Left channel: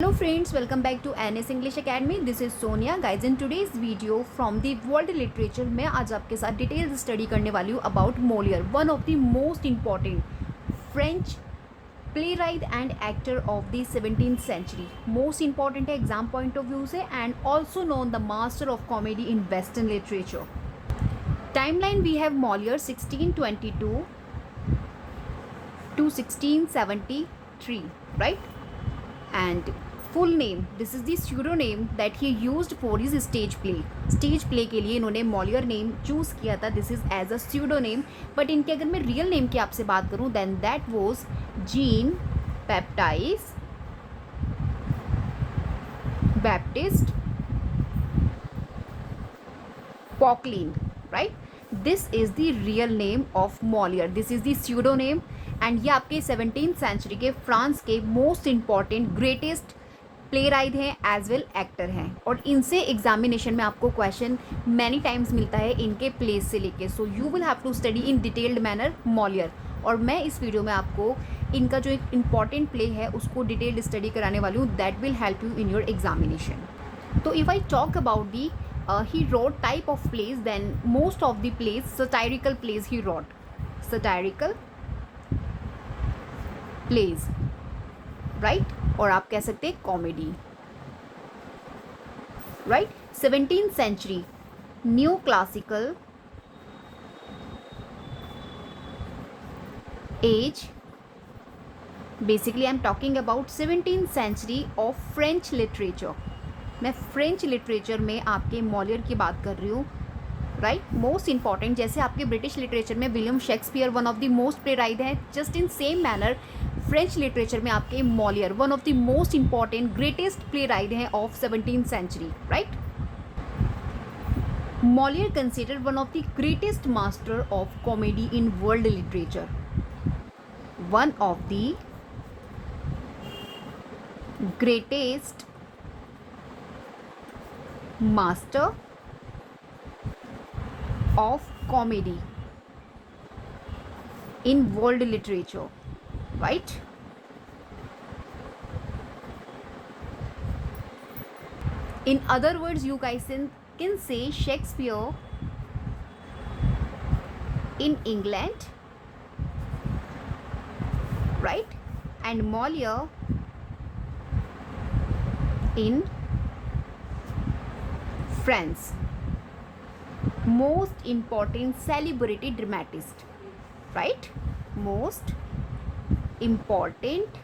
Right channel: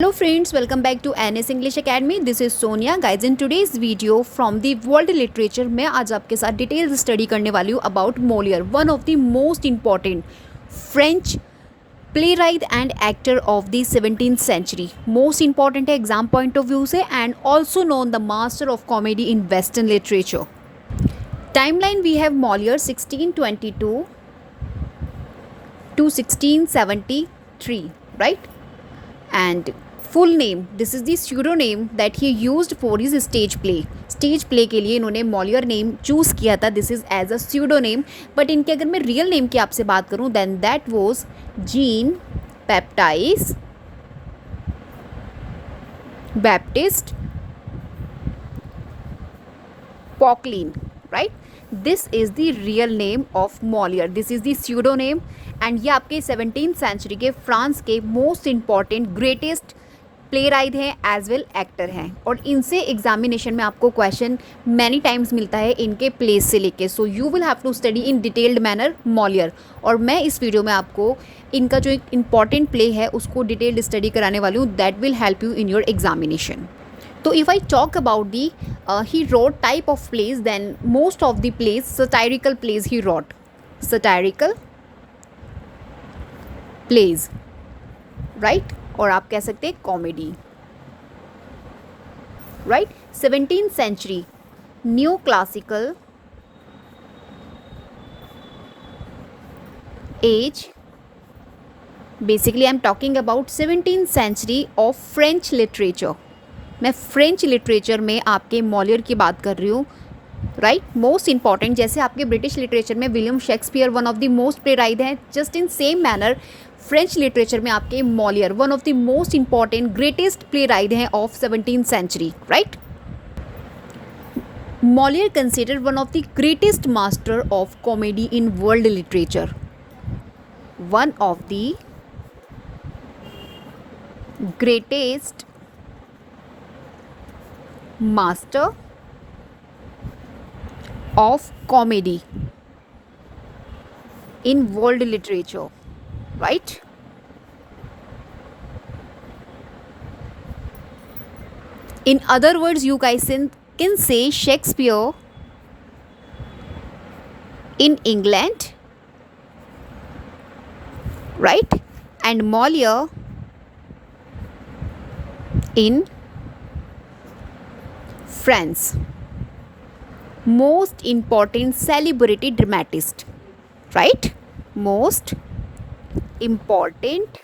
Hello friends, welcome back to NS English Academy. This is Sonia. Guys, in today's video from the world literature मैं आज आपके साथ detail study करने वाली हूँ about Moliere, one of the most important French playwright and actor of the 17th century. Most important है exam point of view से and also known the master of comedy in western literature. Timeline we have Moliere 1622 to 1673, right? And full name, this is the pseudonym that he used for his stage play. Stage play के लिए इन्होंने Molière name choose किया था. This is as a pseudonym. But इनके अगर मैं real name की आपसे बात करूं then that was Jean Baptise Baptiste Poquelin, right? This is the real name of Molière. This is the pseudonym. And ये आपके 17th सेंचुरी के फ्रांस के मोस्ट इम्पॉर्टेंट ग्रेटेस्ट प्लेराइट हैं एज वेल एक्टर हैं. और इनसे एग्जामिनेशन में आपको क्वेश्चन मैनी टाइम्स मिलता है इनके प्लेस से लेके. So you will have to study in detailed manner Moliere. और मैं इस वीडियो में आपको इनका जो एक इम्पॉर्टेंट प्ले है उसको डिटेल्ड स्टडी कराने वाली हूँ. That will help you in your examination. तो if I talk about the he wrote type of plays, then most of the plays satirical plays he wrote. Satirical plays, right? और आप कह सकते हैं comedy, right? 17th century new classical age. Basically I am talking about 17th century of French literature. मैं French literature में आपके Molière की बात कर रही हूँ, राइट? मोस्ट इंपॉर्टेंट, जैसे आपके ब्रिटिश लिटरेचर में William Shakespeare one of the most playwright हैं, just in same manner French literature में आपके Molière one of the most important greatest playwright हैं of 17th century, right? Molière considered one of the greatest master of comedy in world literature. One of the greatest master of comedy in world literature, right? In other words, you guys can say Shakespeare in England, right? And Molière in France. Most important celebrity dramatist, right? Most important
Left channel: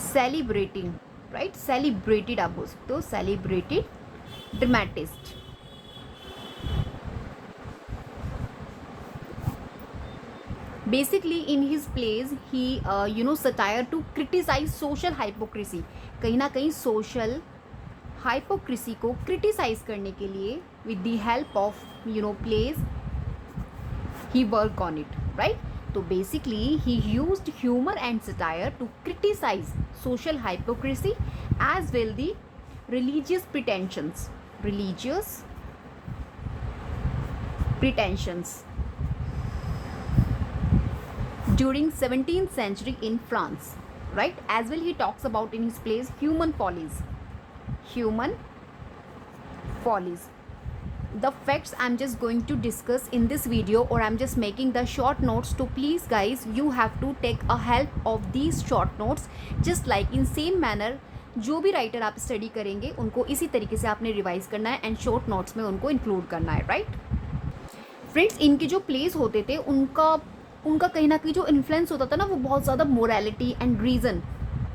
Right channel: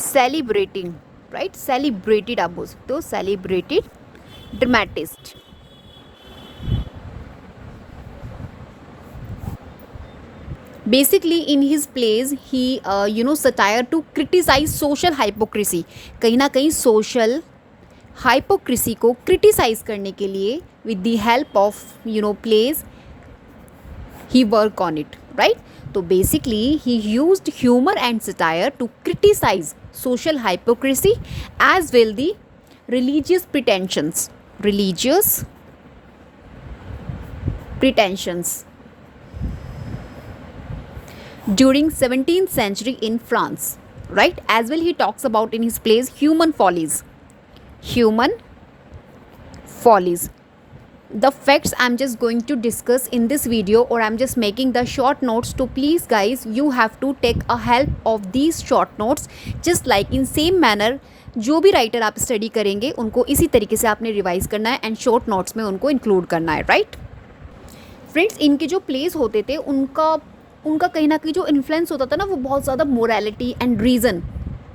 celebrating, right? Celebrated आप बोल सकते हो, celebrated dramatist. Basically in his plays he satire to criticize social hypocrisy. कहीं ना कहीं social hypocrisy को criticise करने के लिए with the help of plays he work on it, right? तो basically he used humour and satire to criticise social hypocrisy as well the religious pretensions during 17th century in France, right? As well he talks about in his plays human follies. The facts I'm just going to discuss in this video, or I'm just making the short notes. So please guys, you have to take a help of these short notes, just like in same manner जो भी writer आप study करेंगे उनको इसी तरीके से आपने revise करना है एंड शॉर्ट नोट्स में उनको इंक्लूड करना है, राइट? फ्रेंड्स, इनके जो प्लेस होते थे उनका कहीं ना कहीं जो इन्फ्लुएंस होता था ना, वो बहुत ज़्यादा morality and reason,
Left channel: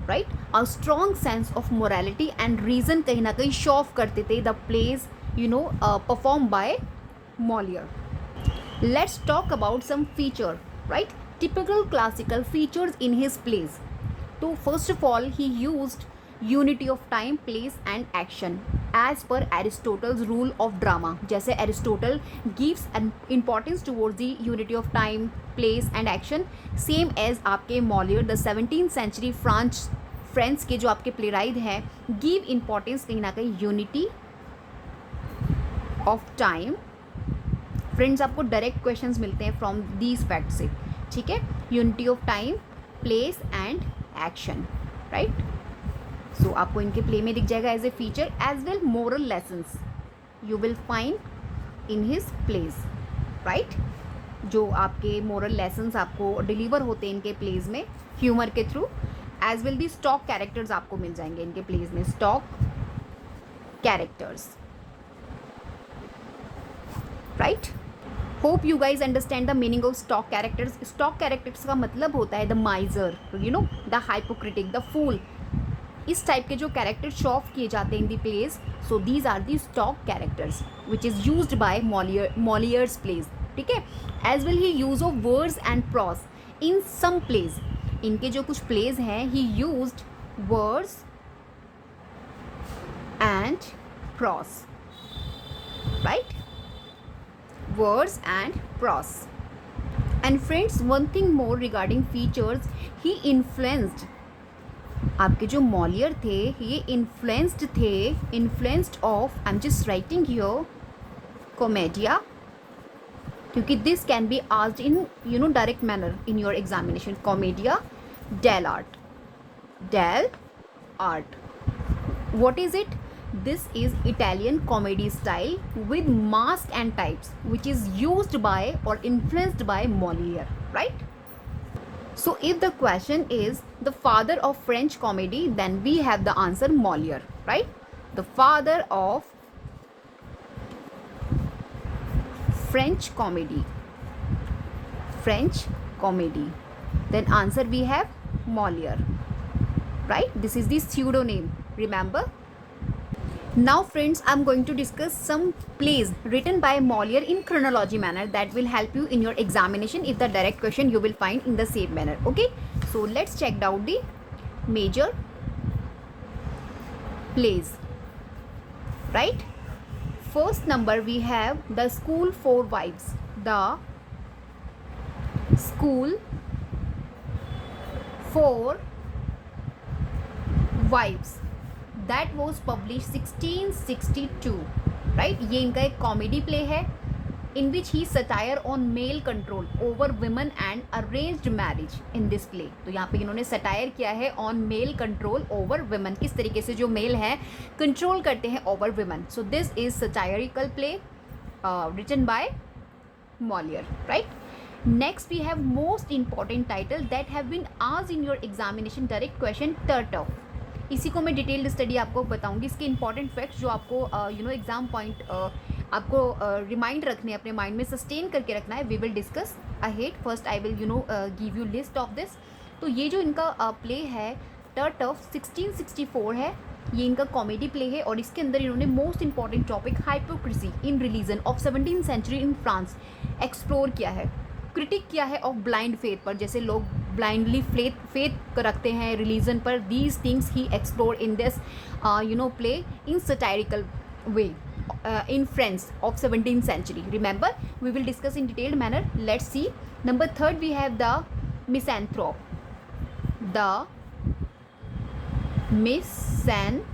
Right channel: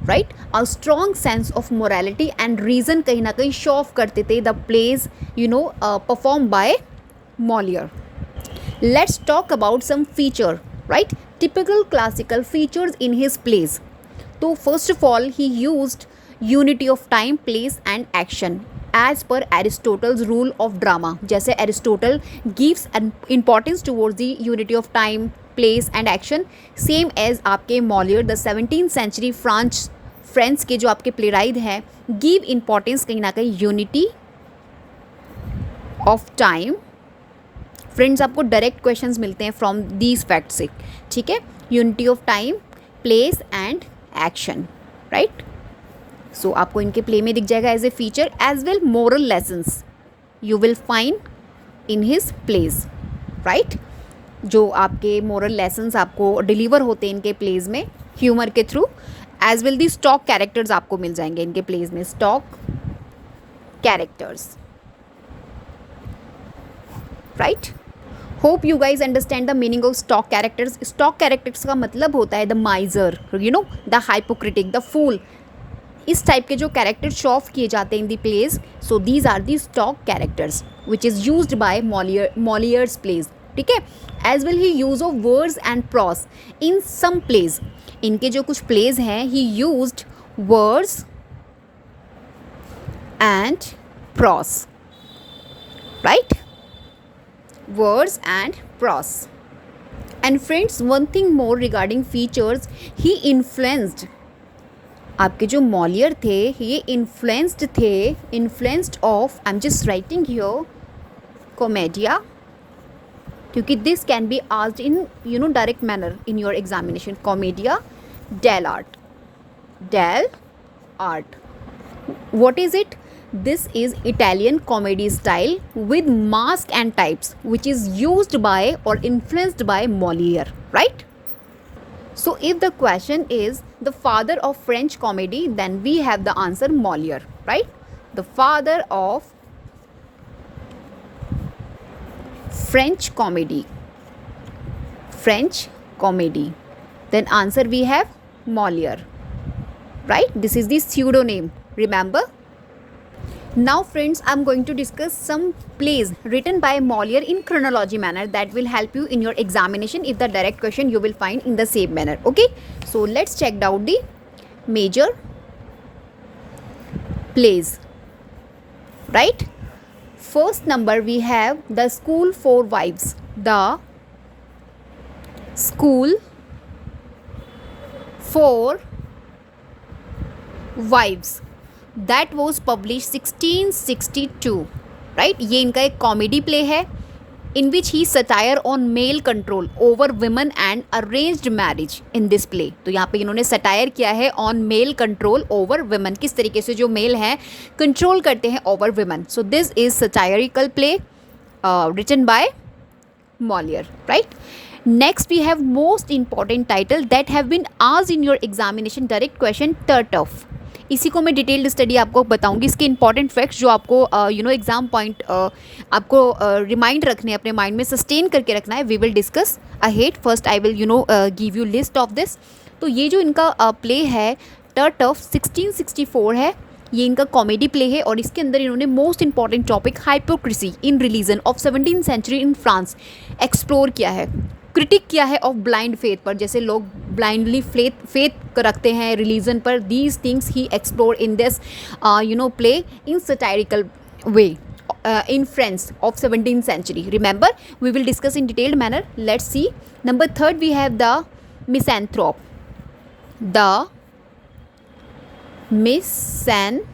right? A strong sense of morality and reason कहीं ना कहीं शो ऑफ करते थे the plays perform by Moliere. Let's talk about some feature, right? Typical classical features in his plays. तो first of all he used unity of time, place and action as per Aristotle's rule of drama. जैसे Aristotle gives an importance towards the unity of time, place and action, same as आपके Moliere the 17th century French के जो आपके playwright हैं give importance कहीं ना कहीं unity of time, friends आपको डायरेक्ट क्वेश्चंस मिलते हैं फ्रॉम दीज फैक्ट से, ठीक है. Unity of time, place and action. Right. So आपको इनके प्ले में दिख जाएगा as a feature. As well moral lessons you will find in his plays, right. जो आपके मोरल लेसन्स आपको डिलीवर होते हैं इनके प्लेज में ह्यूमर के through. As well the stock characters आपको मिल जाएंगे इनके प्लेज में, stock characters, right. Hope you guys understand the meaning of stock characters. Stock characters का मतलब होता है the miser, you know, the hypocritic, the fool. इस टाइप के जो कैरेक्टर शो ऑफ किए जाते हैं in the plays. So these are the stock characters which is used by Moliere's plays. ठीक है. As well he use of words and prose in some plays. इनके जो कुछ प्लेज हैं he used words and prose, right. Words and prose. And friends, one thing more regarding features, he influenced. आपके जो Moliere थे ये influenced of, I am just writing here commedia, क्योंकि this can be asked in you know direct manner in your examination. Commedia dell'arte. What is it? This is Italian comedy style with mask and types which is used by or influenced by Molière, right? So if the question is the father of French comedy, then we have the answer Molière, right? The father of French comedy. Then answer we have Molière, right? This is the pseudonym, remember. Now friends, I'm going to discuss some plays written by Molière in chronology manner that will help you in your examination if the direct question you will find in the same manner. Okay, so let's check out the major plays, right? First number we have The School for Wives. The School for Wives that was published 1662, right? ये इनका एक comedy play है in which he satire on male control over women and arranged marriage in this play. तो यहाँ पे इन्होंने satire किया है on male control over women, किस तरीके से जो मेल हैं कंट्रोल करते हैं over women. So this is satirical play written by Molière, right? Next we have most important title that have been asked in your examination direct question, Tartuffe. इसी को मैं डिटेल्ड स्टडी आपको बताऊंगी. इसके important facts जो आपको exam point आपको remind रखने अपने माइंड में सस्टेन करके रखना है, we will discuss ahead. First I will give you list of this. तो ये जो इनका प्ले है टर्टफ 1664 है. ये इनका कॉमेडी प्ले है और इसके अंदर इन्होंने most important topic hypocrisy in religion of 17th century in France explore किया है. क्रिटिक किया है ऑफ ब्लाइंड फेथ पर, जैसे लोग ब्लाइंडली फेथ रखते हैं रिलीजन पर. These things he explore in this play in satirical way in France of 17th century. Remember, we will discuss in detailed manner. Let's see. Number 3 we have The Misanthrope. The Misanthrope,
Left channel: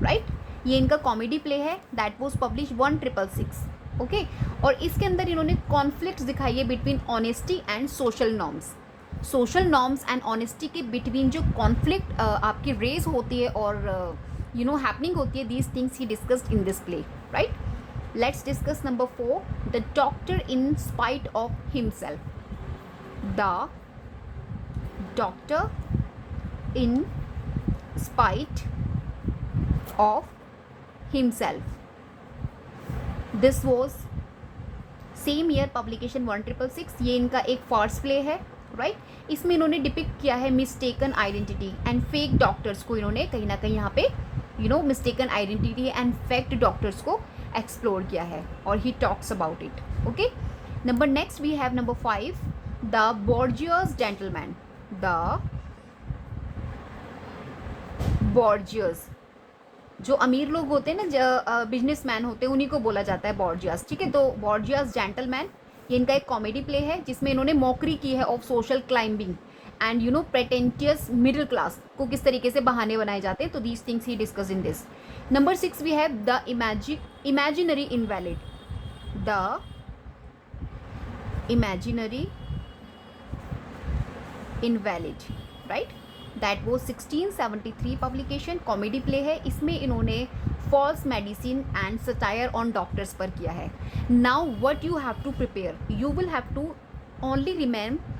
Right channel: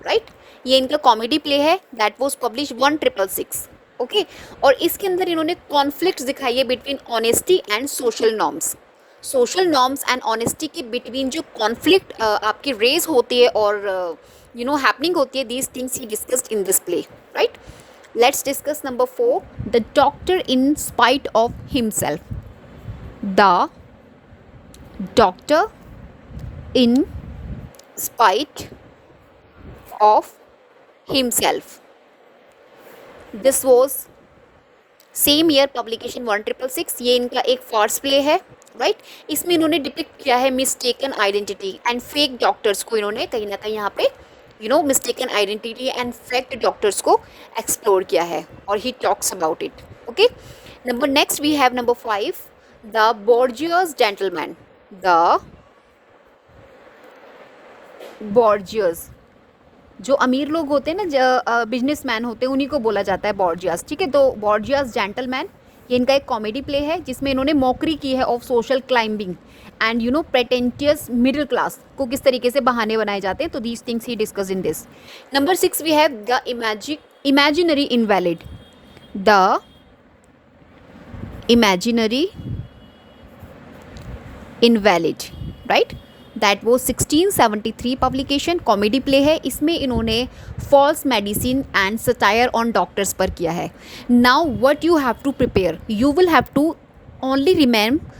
right? ये इनका comedy play है that was publish 1666. Okay, और इसके अंदर इन्होंने conflict दिखाई है between honesty and social norms and honesty के बिटवीन जो कॉन्फ्लिक्ट आपकी रेज होती है और हैपनिंग होती है. These things he discussed in this play, right? Let's discuss number 4, the doctor in spite of himself. The doctor in spite of himself. This was same year publication 1666. ये इनका एक Fars play है, right? इसमें इन्होंने depict किया है mistaken identity and fake doctors को. इन्होंने कहीं ना कहीं यहाँ पे mistaken identity and fake doctors को एक्सप्लोर किया है और he talks about it. Okay, number next we have number 5, the bourgeois gentleman. The bourgeois, जो अमीर लोग होते हैं ना, बिजनेसमैन होते हैं, उन्हीं को बोला जाता है बॉर्जियस, ठीक है? तो बॉर्जियस जेंटलमैन ये इनका एक कॉमेडी प्ले है जिसमें इन्होंने मॉकरी की है of social climbing and pretentious middle class को किस तरीके से बहाने बनाए जाते हैं. तो these things he discuss in this. Number 6 we have the imaginary invalid. The imaginary invalid, right? That वो 1673 पब्लिकेशन, कॉमेडी प्ले है। इसमें इन्होंने false medicine and satire on doctors पर किया है। Now what you have to prepare, you will have to only remember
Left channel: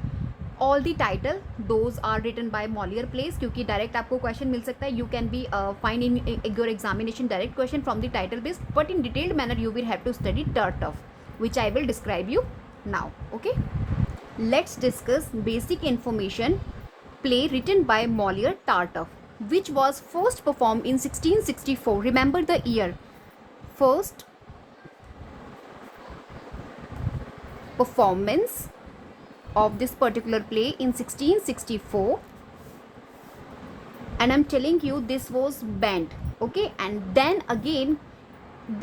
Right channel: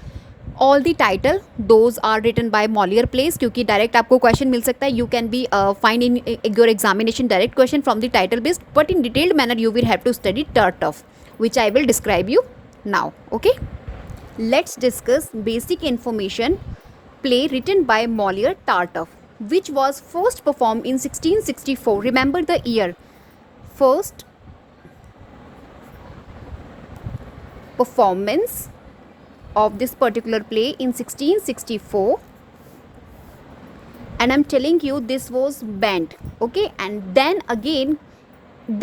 all the title, those are written by Moliere plays, क्योंकि direct आपको question मिल सकता है। You can be find in your examination direct question from the title based, but in detailed manner you will have to study Tartuffe, which I will describe you now. Okay, let's discuss basic information. Play written by Molière, Tartuffe, which was first performed in 1664. Remember the year. First performance of this particular play in 1664, and I'm telling you this was banned. Okay, and then again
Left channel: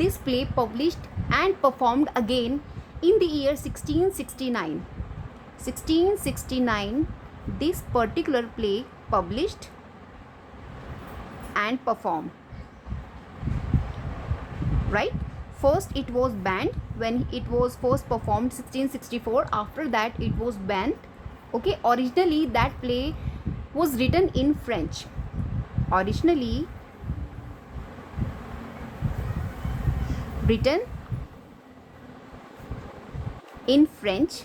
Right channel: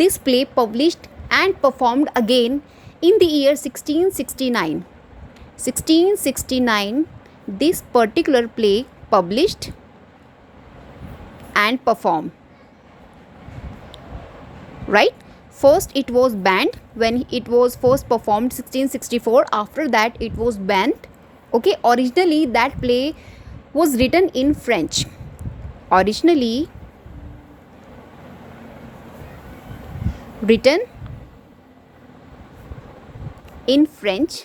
this play published and performed again in the year 1669. 1669 this particular play published and performed, right? First it was banned when it was first performed 1664, after that it was banned. Okay, originally that play was written in French. Originally written in French.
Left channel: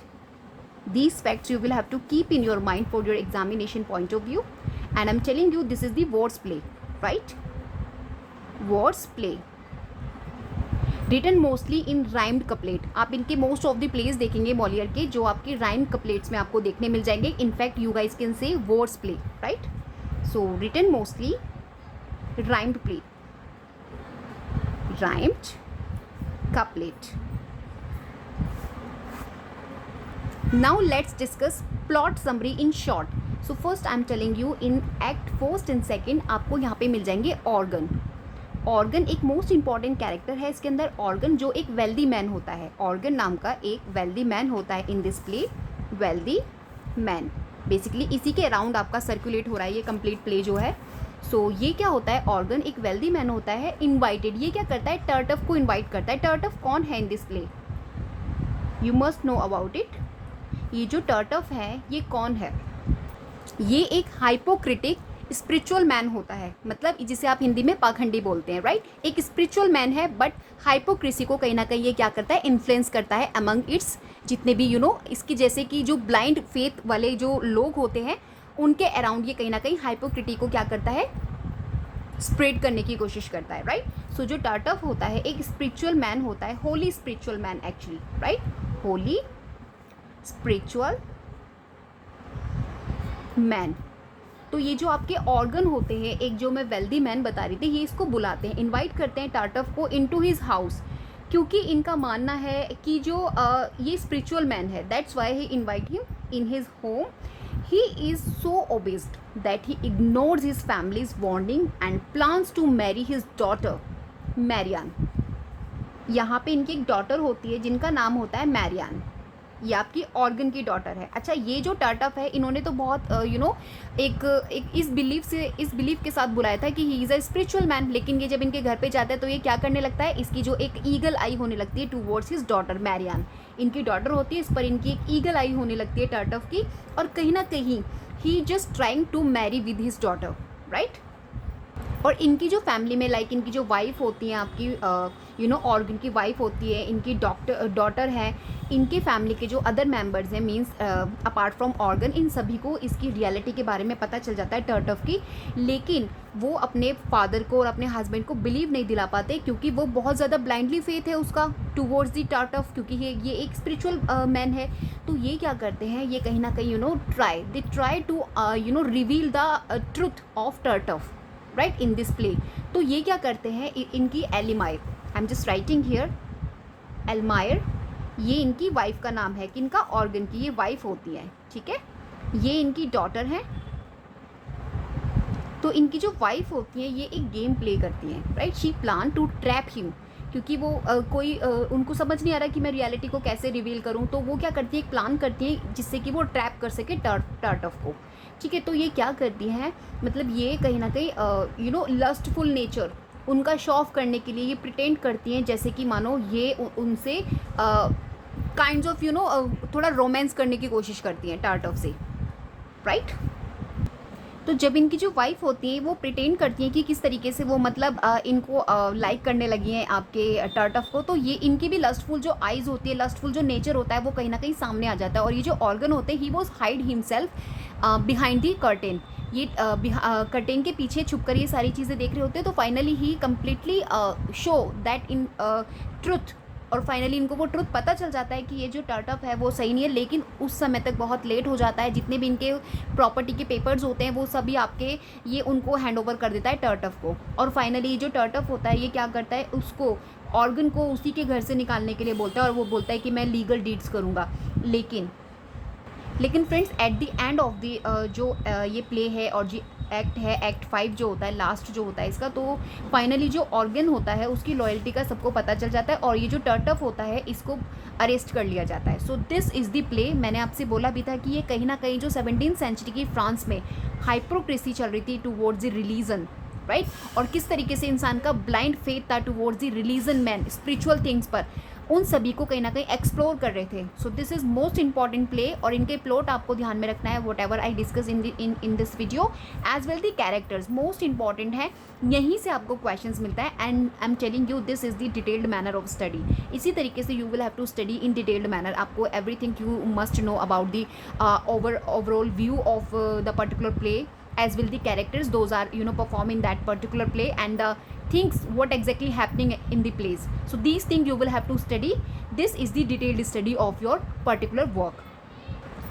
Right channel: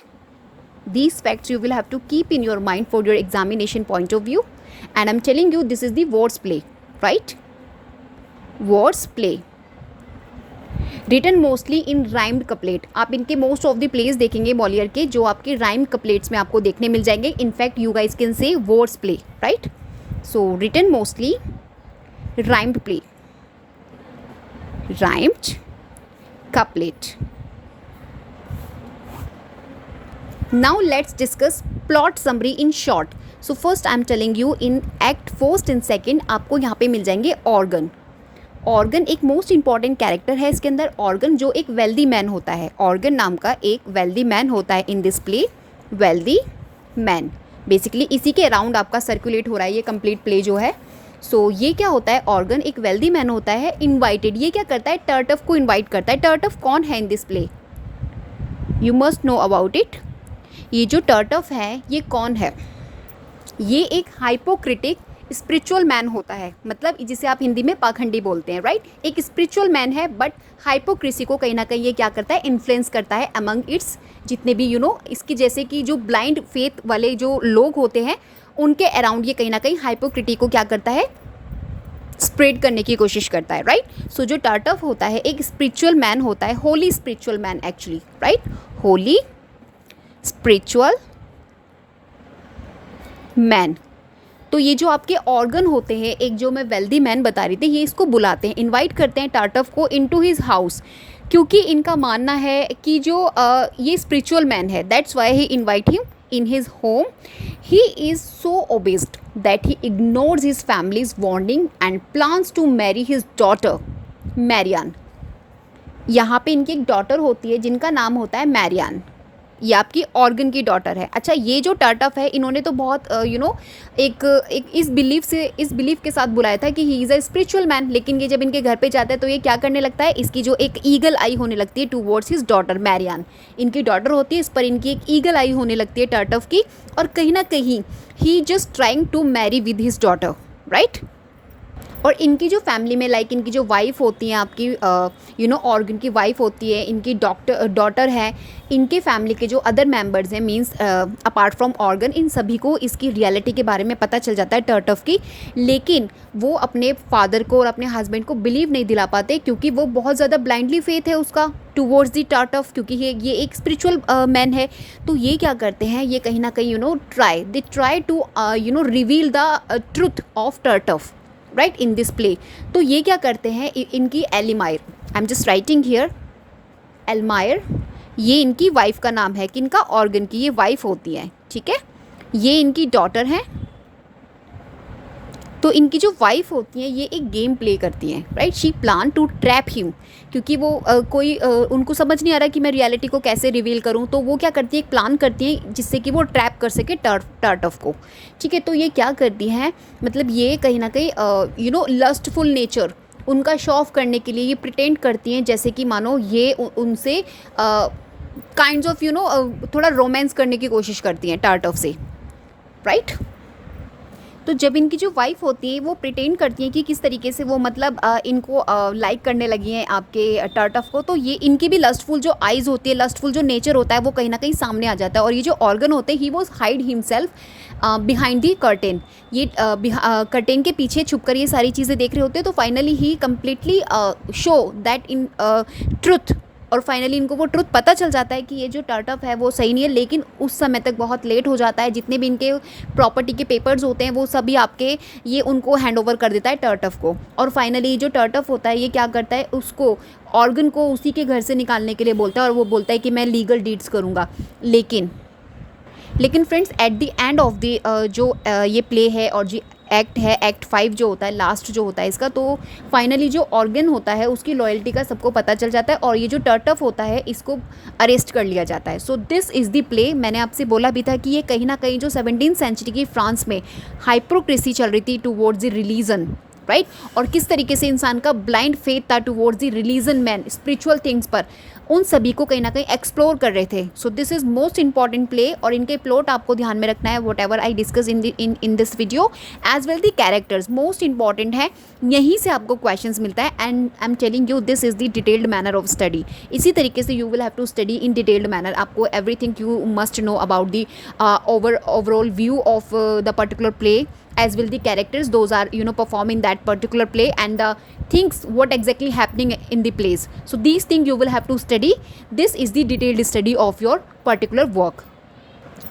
These facts you will have to keep in your mind for your examination point of view, and I'm telling you this is the Words play, right? Words play written mostly in rhymed couplet. आप इनके most of the plays देखेंगे Molière के जो आपके rhymed couplets में आपको देखने मिल जाएंगे. In fact you guys can say words play, right? So written mostly rhymed play, rhymed couplet. Now let's discuss plot summary in short. So first I'm telling you in act first and second आपको यहाँ पे मिल जाएंगे organ. Organ एक most important character है इसके अंदर. Organ जो एक वेल्दी मैन होता है, ऑर्गन नाम का एक वेल्दी मैन होता है इन this play. Wealthy man basically इसी के अराउंड आपका सर्कुलेट हो रहा है ये कंप्लीट प्ले जो है. सो ये क्या होता है, ऑर्गन एक वेल्दी मैन होता है, इन्वाइटेड. ये क्या करता है, टर्टफ को इन्वाइट करता है. टर्टफ कौन है इन this play, you must know about it. ये जो टर्टफ है ये कौन है, ये एक हाइपोक्रिटिक स्पिरिचुअल मैन होता है. मतलब जिसे आप हिंदी में पाखंडी बोलते हैं, राइट. एक स्पिरिचुअल मैन है बट हाइपोक्रेसी को कहीं ना कहीं ये क्या करता है, इन्फ्लुएंस करता है अमंग इट्स जितने भी इसकी जैसे कि जो ब्लाइंड फेथ वाले जो लोग होते हैं उनके अराउंड ये कहीं ना कहीं हाइपोक्रिटी को क्या करता है, स्प्रेड करने की कोशिश करता है, राइट. सो जो टर्टफ होता है एक स्पिरिचुअल मैन होता है, Holi spiritual man actually, right. Holi spiritual man. तो ये जो आपके ऑर्गन होते हैं, एक जो मैं वेल्दी मैन बता रही थी, ये इसको बुलाते हैं, इनवाइट करते हैं टार्टफ को इनटू हिज हाउस, क्योंकि इनका मानना है कि जो ये स्पिरिचुअल मैन है, that's why he invite him in his home. He is so obsessed that he ignores his families warning and plans to marry his daughter Mariane. यहाँ पे इनकी एक डॉटर होती है जिनका नाम होता है मैरियान. ये आपकी ऑर्गन की डॉटर है. अच्छा, ये जो टर्टफ है इन्होंने तो बहुत एक इस बिलीफ के साथ बुलाया था कि he is a spiritual man, लेकिन ये जब इनके घर पे जाता है तो ये क्या करने लगता है, इसकी जो एक ईगल आई होने लगती है टूवर्ड्स हिज डॉटर मैरियान. इनकी डॉटर होती है, इस पर इनकी एक ईगल आई होने लगती है टर्टफ की, और कहीं ना कहीं he just trying to marry with his daughter, right. और इनकी जो फैमिली में लाइक इनकी जो वाइफ होती हैं आपकी ऑर्गन की वाइफ होती है, इनकी डॉटर है, इनके फैमिली के जो अदर मेंबर्स हैं मींस अपार्ट फ्रॉम ऑर्गन, इन सभी को इसकी रियलिटी के बारे में पता चल जाता है टर्टफ की. लेकिन वो अपने फादर को और अपने हस्बैंड को बिलीव नहीं दिला पाते क्योंकि वो बहुत ज़्यादा ब्लाइंडली फेथ है उसका टूवर्ड्स दी टर्टफ, क्योंकि ये एक स्पिरिचुअल मैन है. तो ये क्या करते हैं, ये कहीं ना कहीं they try to reveal the truth of Tartuffe, right, in this play. तो ये क्या करते हैं, इनकी Elmire, I am just writing here Elmire, ये इनकी वाइफ का नाम है, कि इनका ऑर्गन की ये वाइफ होती है, ठीक है. ये इनकी डॉटर हैं. तो इनकी जो वाइफ होती हैं ये एक गेम प्ले करती हैं, right. She plan to trap him, क्योंकि वो उनको समझ नहीं आ रहा कि मैं रियलिटी को कैसे रिवील करूं, तो वो क्या करती है, एक प्लान करती है जिससे कि वो ट्रैप कर सके टर्टफ को, ठीक है. तो ये क्या करती हैं, मतलब ये कहीं ना कहीं लस्टफुल नेचर उनका शो ऑफ करने के लिए ये प्रिटेंड करती हैं जैसे कि मानो ये उनसे काइंड्स ऑफ थोड़ा रोमांस करने की कोशिश करती हैं टर्टफ से, राइट. तो जब इनकी जो वाइफ होती है वो प्रिटेंड करती है कि किस तरीके से वो मतलब इनको लाइक करने लगी हैं आपके टर्टफ को, तो ये इनकी भी लस्टफुल जो आइज़ होती है, लस्टफुल जो नेचर होता है वो कहीं ना कहीं सामने आ जाता है। और ये जो ऑर्गन होते हैं, he was hide himself behind the curtain, ये कर्टेन के पीछे छुपकर ये सारी चीज़ें देख रहे होते हैं। तो finally he completely show that in truth, और फाइनली इनको वो ट्रुथ पता चल जाता है कि ये जो टर्टफ है वो सही नहीं है। लेकिन उस समय तक बहुत लेट हो जाता है, जितने भी इनके प्रॉपर्टी के पेपर्स होते हैं वो सभी आपके ये उनको हैंड ओवर कर देता है टर्टफ को। और फाइनली जो टर्टफ होता है ये क्या करता है, उसको ऑर्गन को उसी के घर से निकालने के लिए बोलता है, और वो बोलता है कि मैं लीगल डीड्स करूँगा। लेकिन friends at the end of the जो ये प्ले है और जो एक्ट है, एक्ट 5 जो होता है, लास्ट जो होता है इसका, तो फाइनली जो ऑर्गन होता है उसकी लॉयल्टी का सबको पता चल जाता है, और ये जो टर्टफ होता है इसको अरेस्ट कर लिया जाता है। So this is the play. मैंने आपसे बोला भी था कि ये कहीं ना कहीं जो 17th सेंचुरी की फ्रांस में हाइपोक्रेसी चल रही थी टूवर्ड्स द रिलीजन, राइट, और किस तरीके से इंसान का ब्लाइंड फेथ था towards the religion man, spiritual things पर, उन सभी को कहीं ना कहीं एक्सप्लोर कर रहे थे। So this is most important play, और इनके प्लॉट आपको ध्यान में रखना है, whatever I discuss in this video, as well the characters most important है, यहीं से आपको क्वेश्चंस मिलता है। And I am telling you this is the detailed manner of study. इसी तरीके से you will have to study in detailed manner. आपको everything you must know about the overall view of the particular play, as will the characters, those are performing that particular play, and the things what exactly happening in the plays. So these things you will have to study. This is the detailed study of your particular work.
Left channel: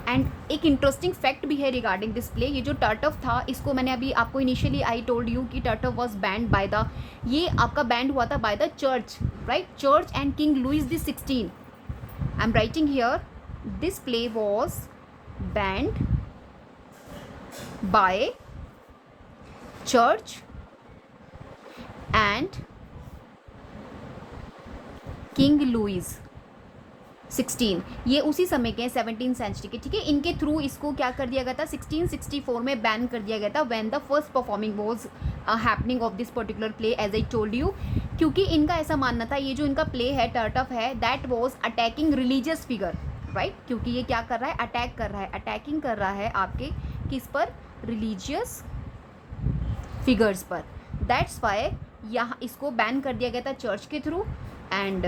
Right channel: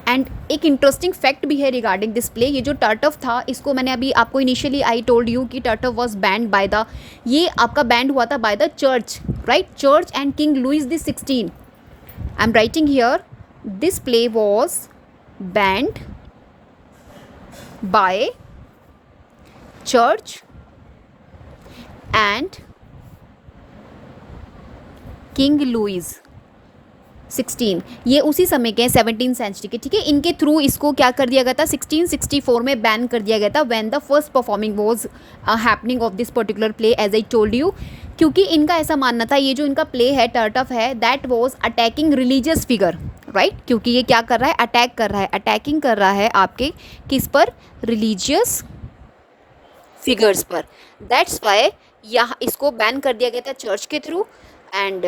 And एक interesting fact भी है regarding this play. ये जो टर्टफ था, इसको मैंने अभी आपको इनिशियली आई टोल्ड यू कि Tartuffe was banned by the, ये आपका बैंड हुआ था by the church, right, church and king Louis the 16। I am writing here this play was banned by church and King Louis 16। ये उसी समय के 17th century के, ठीक है। इनके थ्रू इसको क्या कर दिया गया था, 1664 में बैन कर दिया गया था, when the first performing was happening of this particular play, as I told you. क्योंकि इनका ऐसा मानना था, ये जो इनका प्ले है टर्टफ है, that was attacking religious figure, right, क्योंकि ये क्या कर रहा है, अटैक कर रहा है, अटैकिंग कर रहा है आपके किस पर, रिलीजियस फिगर्स पर। दैट्स वाई यहाँ इसको बैन कर दिया गया था चर्च के थ्रू। एंड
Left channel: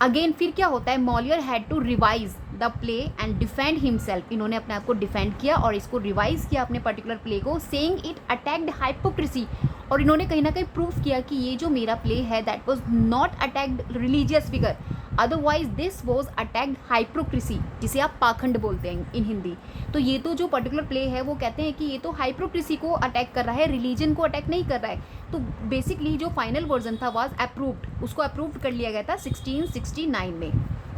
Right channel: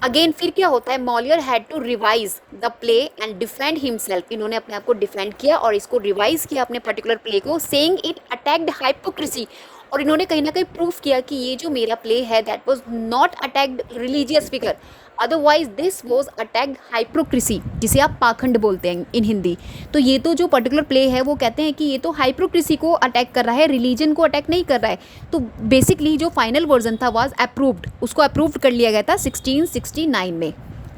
अगेन फिर क्या होता है, Moliere had to revise the play and defend himself. इन्होंने अपने आप को डिफेंड किया और इसको रिवाइज किया अपने पर्टिकुलर प्ले को, सेइंग इट अटैक्ड हाइपोक्रेसी। और इन्होंने कहीं ना कहीं प्रूफ किया कि ये जो मेरा प्ले है that was not attacked religious figure, otherwise this was attacked hypocrisy, जिसे आप पाखंड बोलते हैं इन हिंदी। तो ये तो जो पर्टिकुलर प्ले है वो कहते हैं कि ये तो हाइपोक्रेसी को अटैक कर रहा है, रिलीजन को अटैक नहीं कर रहा है। तो बेसिकली जो फाइनल वर्जन था वाज अप्रूव्ड, उसको अप्रूव्ड कर लिया गया था 1669 में,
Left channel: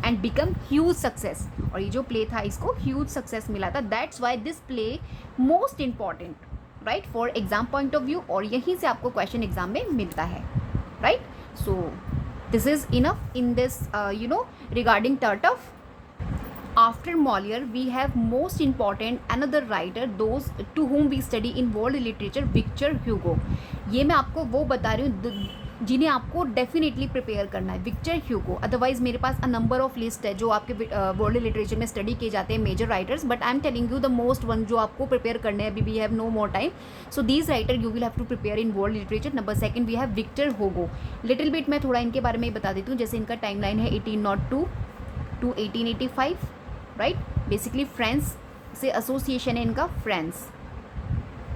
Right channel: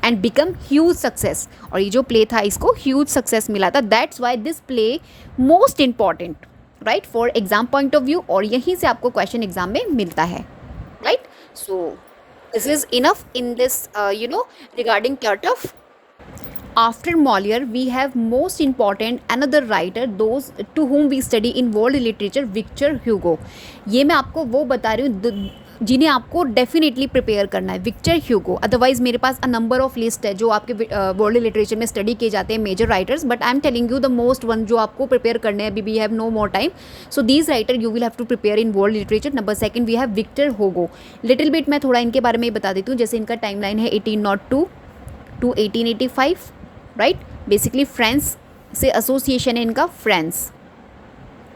एंड बिकम ह्यूज सक्सेस। और ये जो प्ले था इसको ह्यूज सक्सेस मिला था। That's why this play most important, right, for exam point of view, और यहीं से आपको क्वेश्चन एग्जाम में मिलता है, right. So this is enough in this regarding Tartuffe. After Molière we have most important another writer, those to whom we study in world literature, Victor Hugo. ये मैं आपको वो बता रही हूँ जिन्हें आपको डेफिनेटली प्रिपेयर करना है, विक्टर ह्यूगो। अदरवाइज मेरे पास अ नंबर ऑफ लिस्ट है जो आपके वर्ल्ड लिटरेचर में स्टडी किए जाते हैं, major writers, but I am telling you the most one जो आपको प्रिपेयर करने हैं। अभी we have no more time, so these writer you will have to prepare in world literature. Number second we have Victor Hugo. Little bit मैं थोड़ा इनके बारे में बता देती हूँ। जैसे इनका टाइम लाइन है 1802 टू 1885, राइट। बेसिकली फ्रांस से एसोसिएशन है इनका, फ्रांस,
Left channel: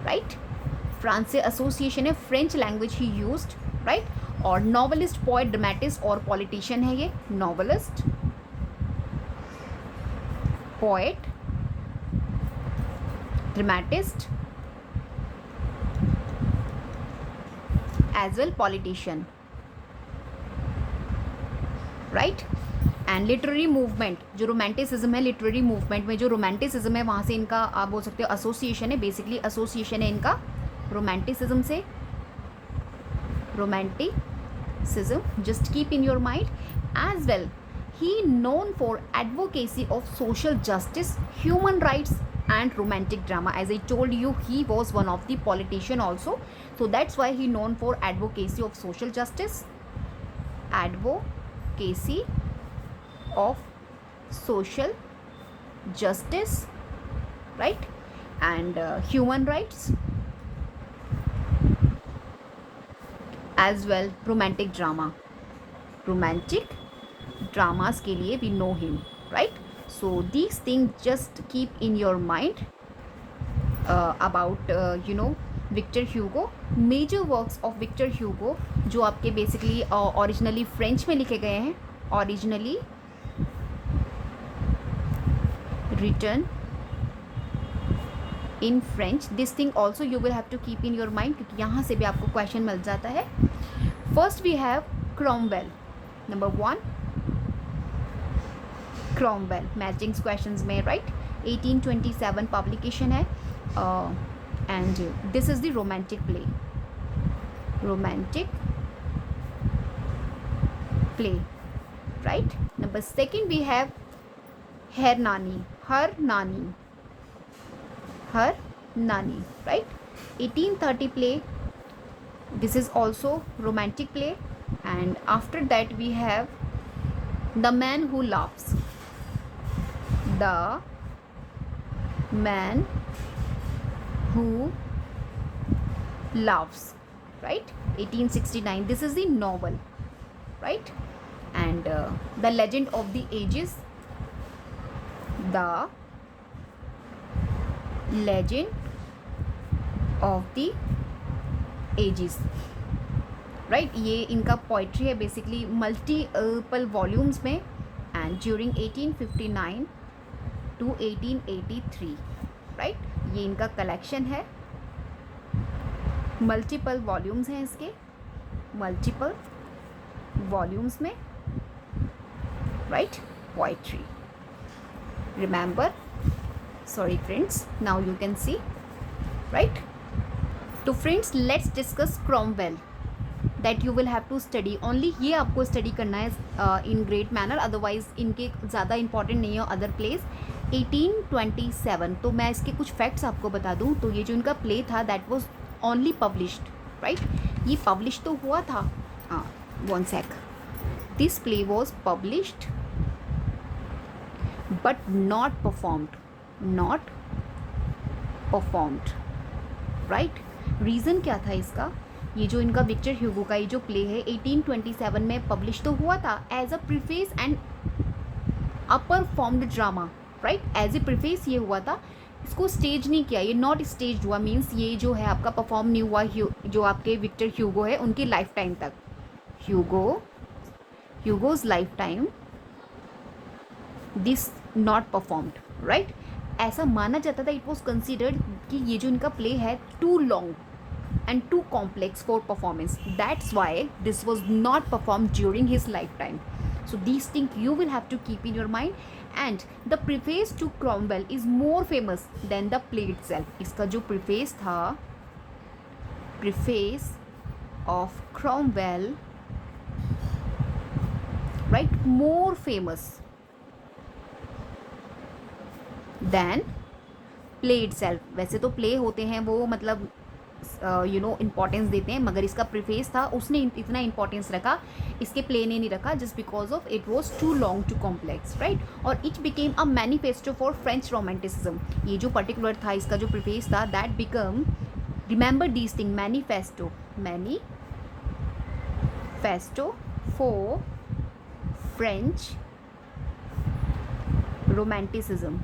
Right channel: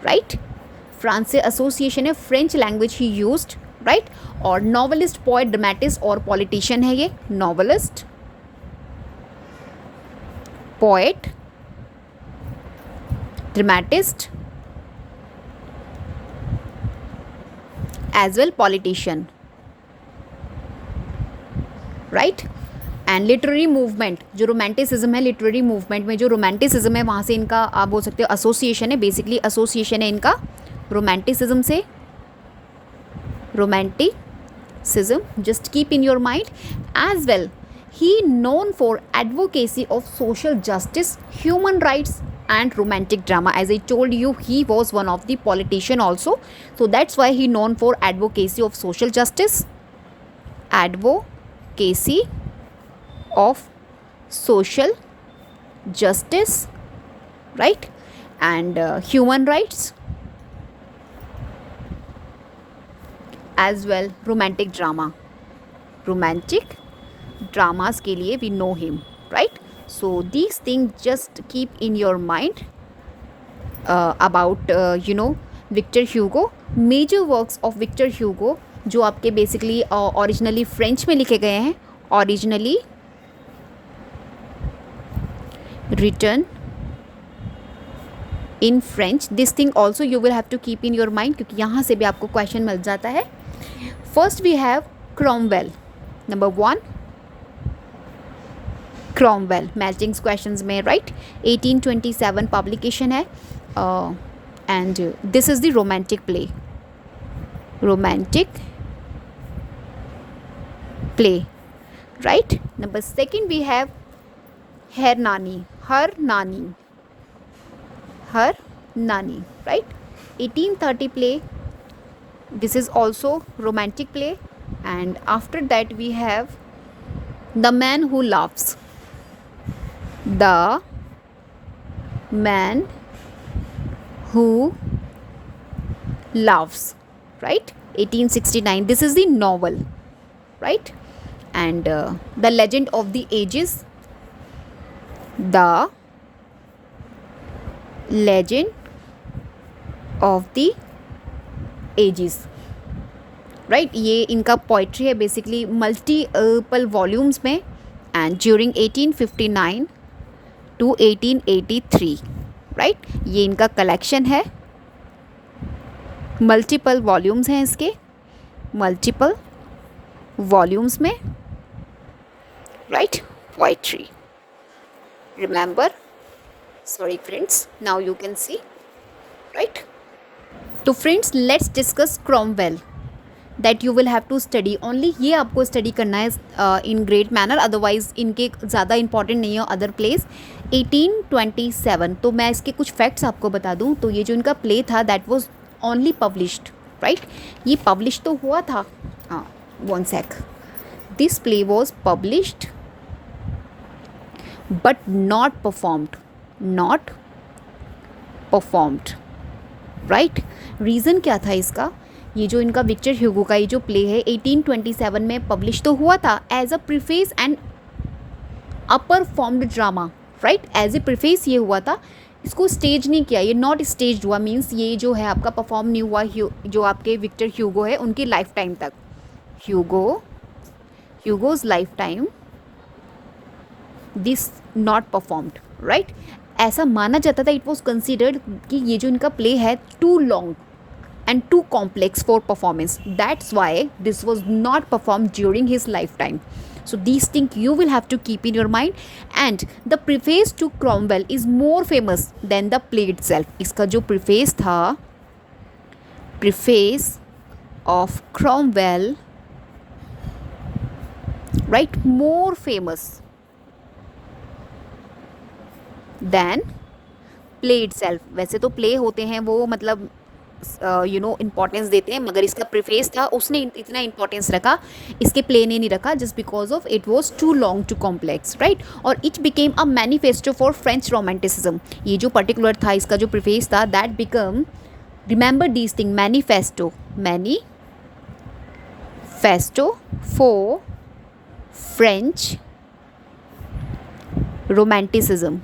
राइट, फ्रांस से एसोसिएशन है, फ्रेंच लैंग्वेज ही यूज्ड, राइट। और नॉवलिस्ट, पोएट, ड्रामेटिस्ट और पॉलिटिशियन है ये। Novelist, poet, dramatist as well politician, right. And literary movement, जो रोमांटिसिज्म है, लिटरेरी मूवमेंट में जो रोमांटिसिज्म है वहाँ से इनका आप बोल सकते हो एसोसिएशन है, बेसिकली एसोसिएशन है इनका रोमांटिसिज्म से। romanticism, just keep in your mind. As well, he known for advocacy of social justice, human rights and romantic drama. As I told you, he was one of the politician also, so that's why he known for advocacy of social justice, advocacy of social justice, right, and human rights as well romantic drama, romantic dramas के लिए we know him, right? So these thing just keep in your mind about Victor Hugo, major works of Victor Hugo जो आपके basically originally French में लिखे गए हैं, originally written in French. This thing also you will have to keep in your mind, क्योंकि यहाँ से भी आपको क्वेश्चन मिल जाता है. First we have Cromwell. Number 1 Cromwell, matching questions में, राइट? 1827 पब्लिकेशन है, and this is the romantic play, right? Number 2 we have her nani, right? 1830 play, this is also romantic play. And after that we have the man who laughs, the man who loves, right? 1869, this is the novel, right? And the legend of the ages, the legend of the ages, right? ये इनका poetry है basically multiple volumes में, and during 1859 to 1883, right? ये इनका collection है, multiple volumes हैं इसके, multiple volumes में, right? Poetry, remember, sorry friends, now you can see, right? तो friends let's discuss Cromwell, that you will have to study only. ये आपको स्टडी करना है इन ग्रेट मैनर, अदरवाइज इनके ज़्यादा इंपॉर्टेंट नहीं है अदर प्लेस. 1827, तो मैं इसके कुछ फैक्ट्स आपको बता दूं. तो ये जो इनका प्ले था that was only published, right? ये पब्लिश तो हुआ था, हाँ, 1 sec, this play was published but not performed, right? Reason क्या था इसका? ये जो इनका विक्टर ह्यूगो का ये जो प्ले है 1827 में पब्लिश तो हुआ था as a preface and a performed drama, right? As a preface ये हुआ था, इसको स्टेज नहीं किया, ये नॉट स्टेज हुआ, मीन्स ये जो है आपका परफॉर्म नहीं हुआ जो आपके विक्टर ह्यूगो है उनकी लाइफ टाइम तक. Hugo's life time this not performed, right? ऐसा माना जाता था, इट वॉज कंसिडर्ड कि ये जो इनका प्ले है too long and too complex for performance, that's why this was not performed during his lifetime. So these things you will have to keep in your mind. And the preface to Cromwell is more famous than the play itself. इसका जो preface था, preface of Cromwell, right, more famous than play itself. वैसे तो play होते हैं वो मतलब importance देते हैं, मगर इसका प्रीफेस था उसने इतना इम्पॉर्टेंस रखा, इसके प्ले ने नहीं रखा, just because of it was too long too complex, right? और it became a manifesto for French romanticism. ये जो पर्टिकुलर था इसका जो प्रीफेस था that become, remember these thing, manifesto for French romanticism,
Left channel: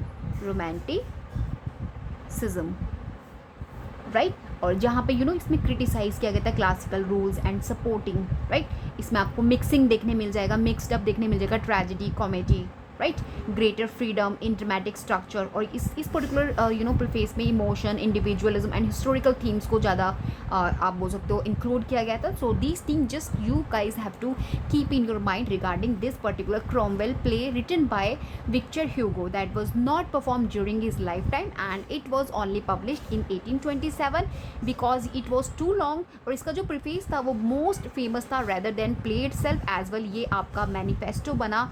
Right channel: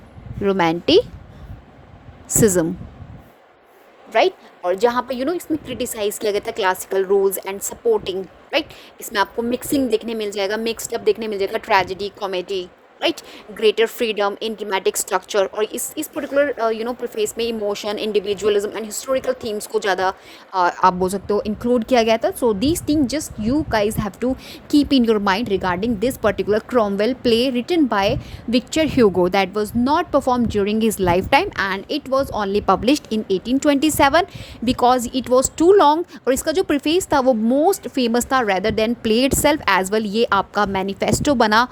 right? और जहाँ पे इसमें क्रिटिसाइज़ किया गया था classical rules and supporting, right? इसमें आपको मिक्सिंग देखने मिल जाएगा, मिक्सड अप देखने मिल जाएगा, tragedy, comedy, right? Greater freedom इन ड्रामेटिक स्ट्रक्चर. और इस पर्टिकुलर प्रीफेस में emotion, individualism and historical themes को ज़्यादा आप बोल सकते हो इंक्लूड किया गया था. So these thing just you guys have to keep in your mind regarding this particular Cromwell play written by Victor Hugo that was not perform during his life time and it was only published in 1827 because it was too long. और इसका जो preface था वो most famous था rather than play itself as well. ये आपका manifesto बना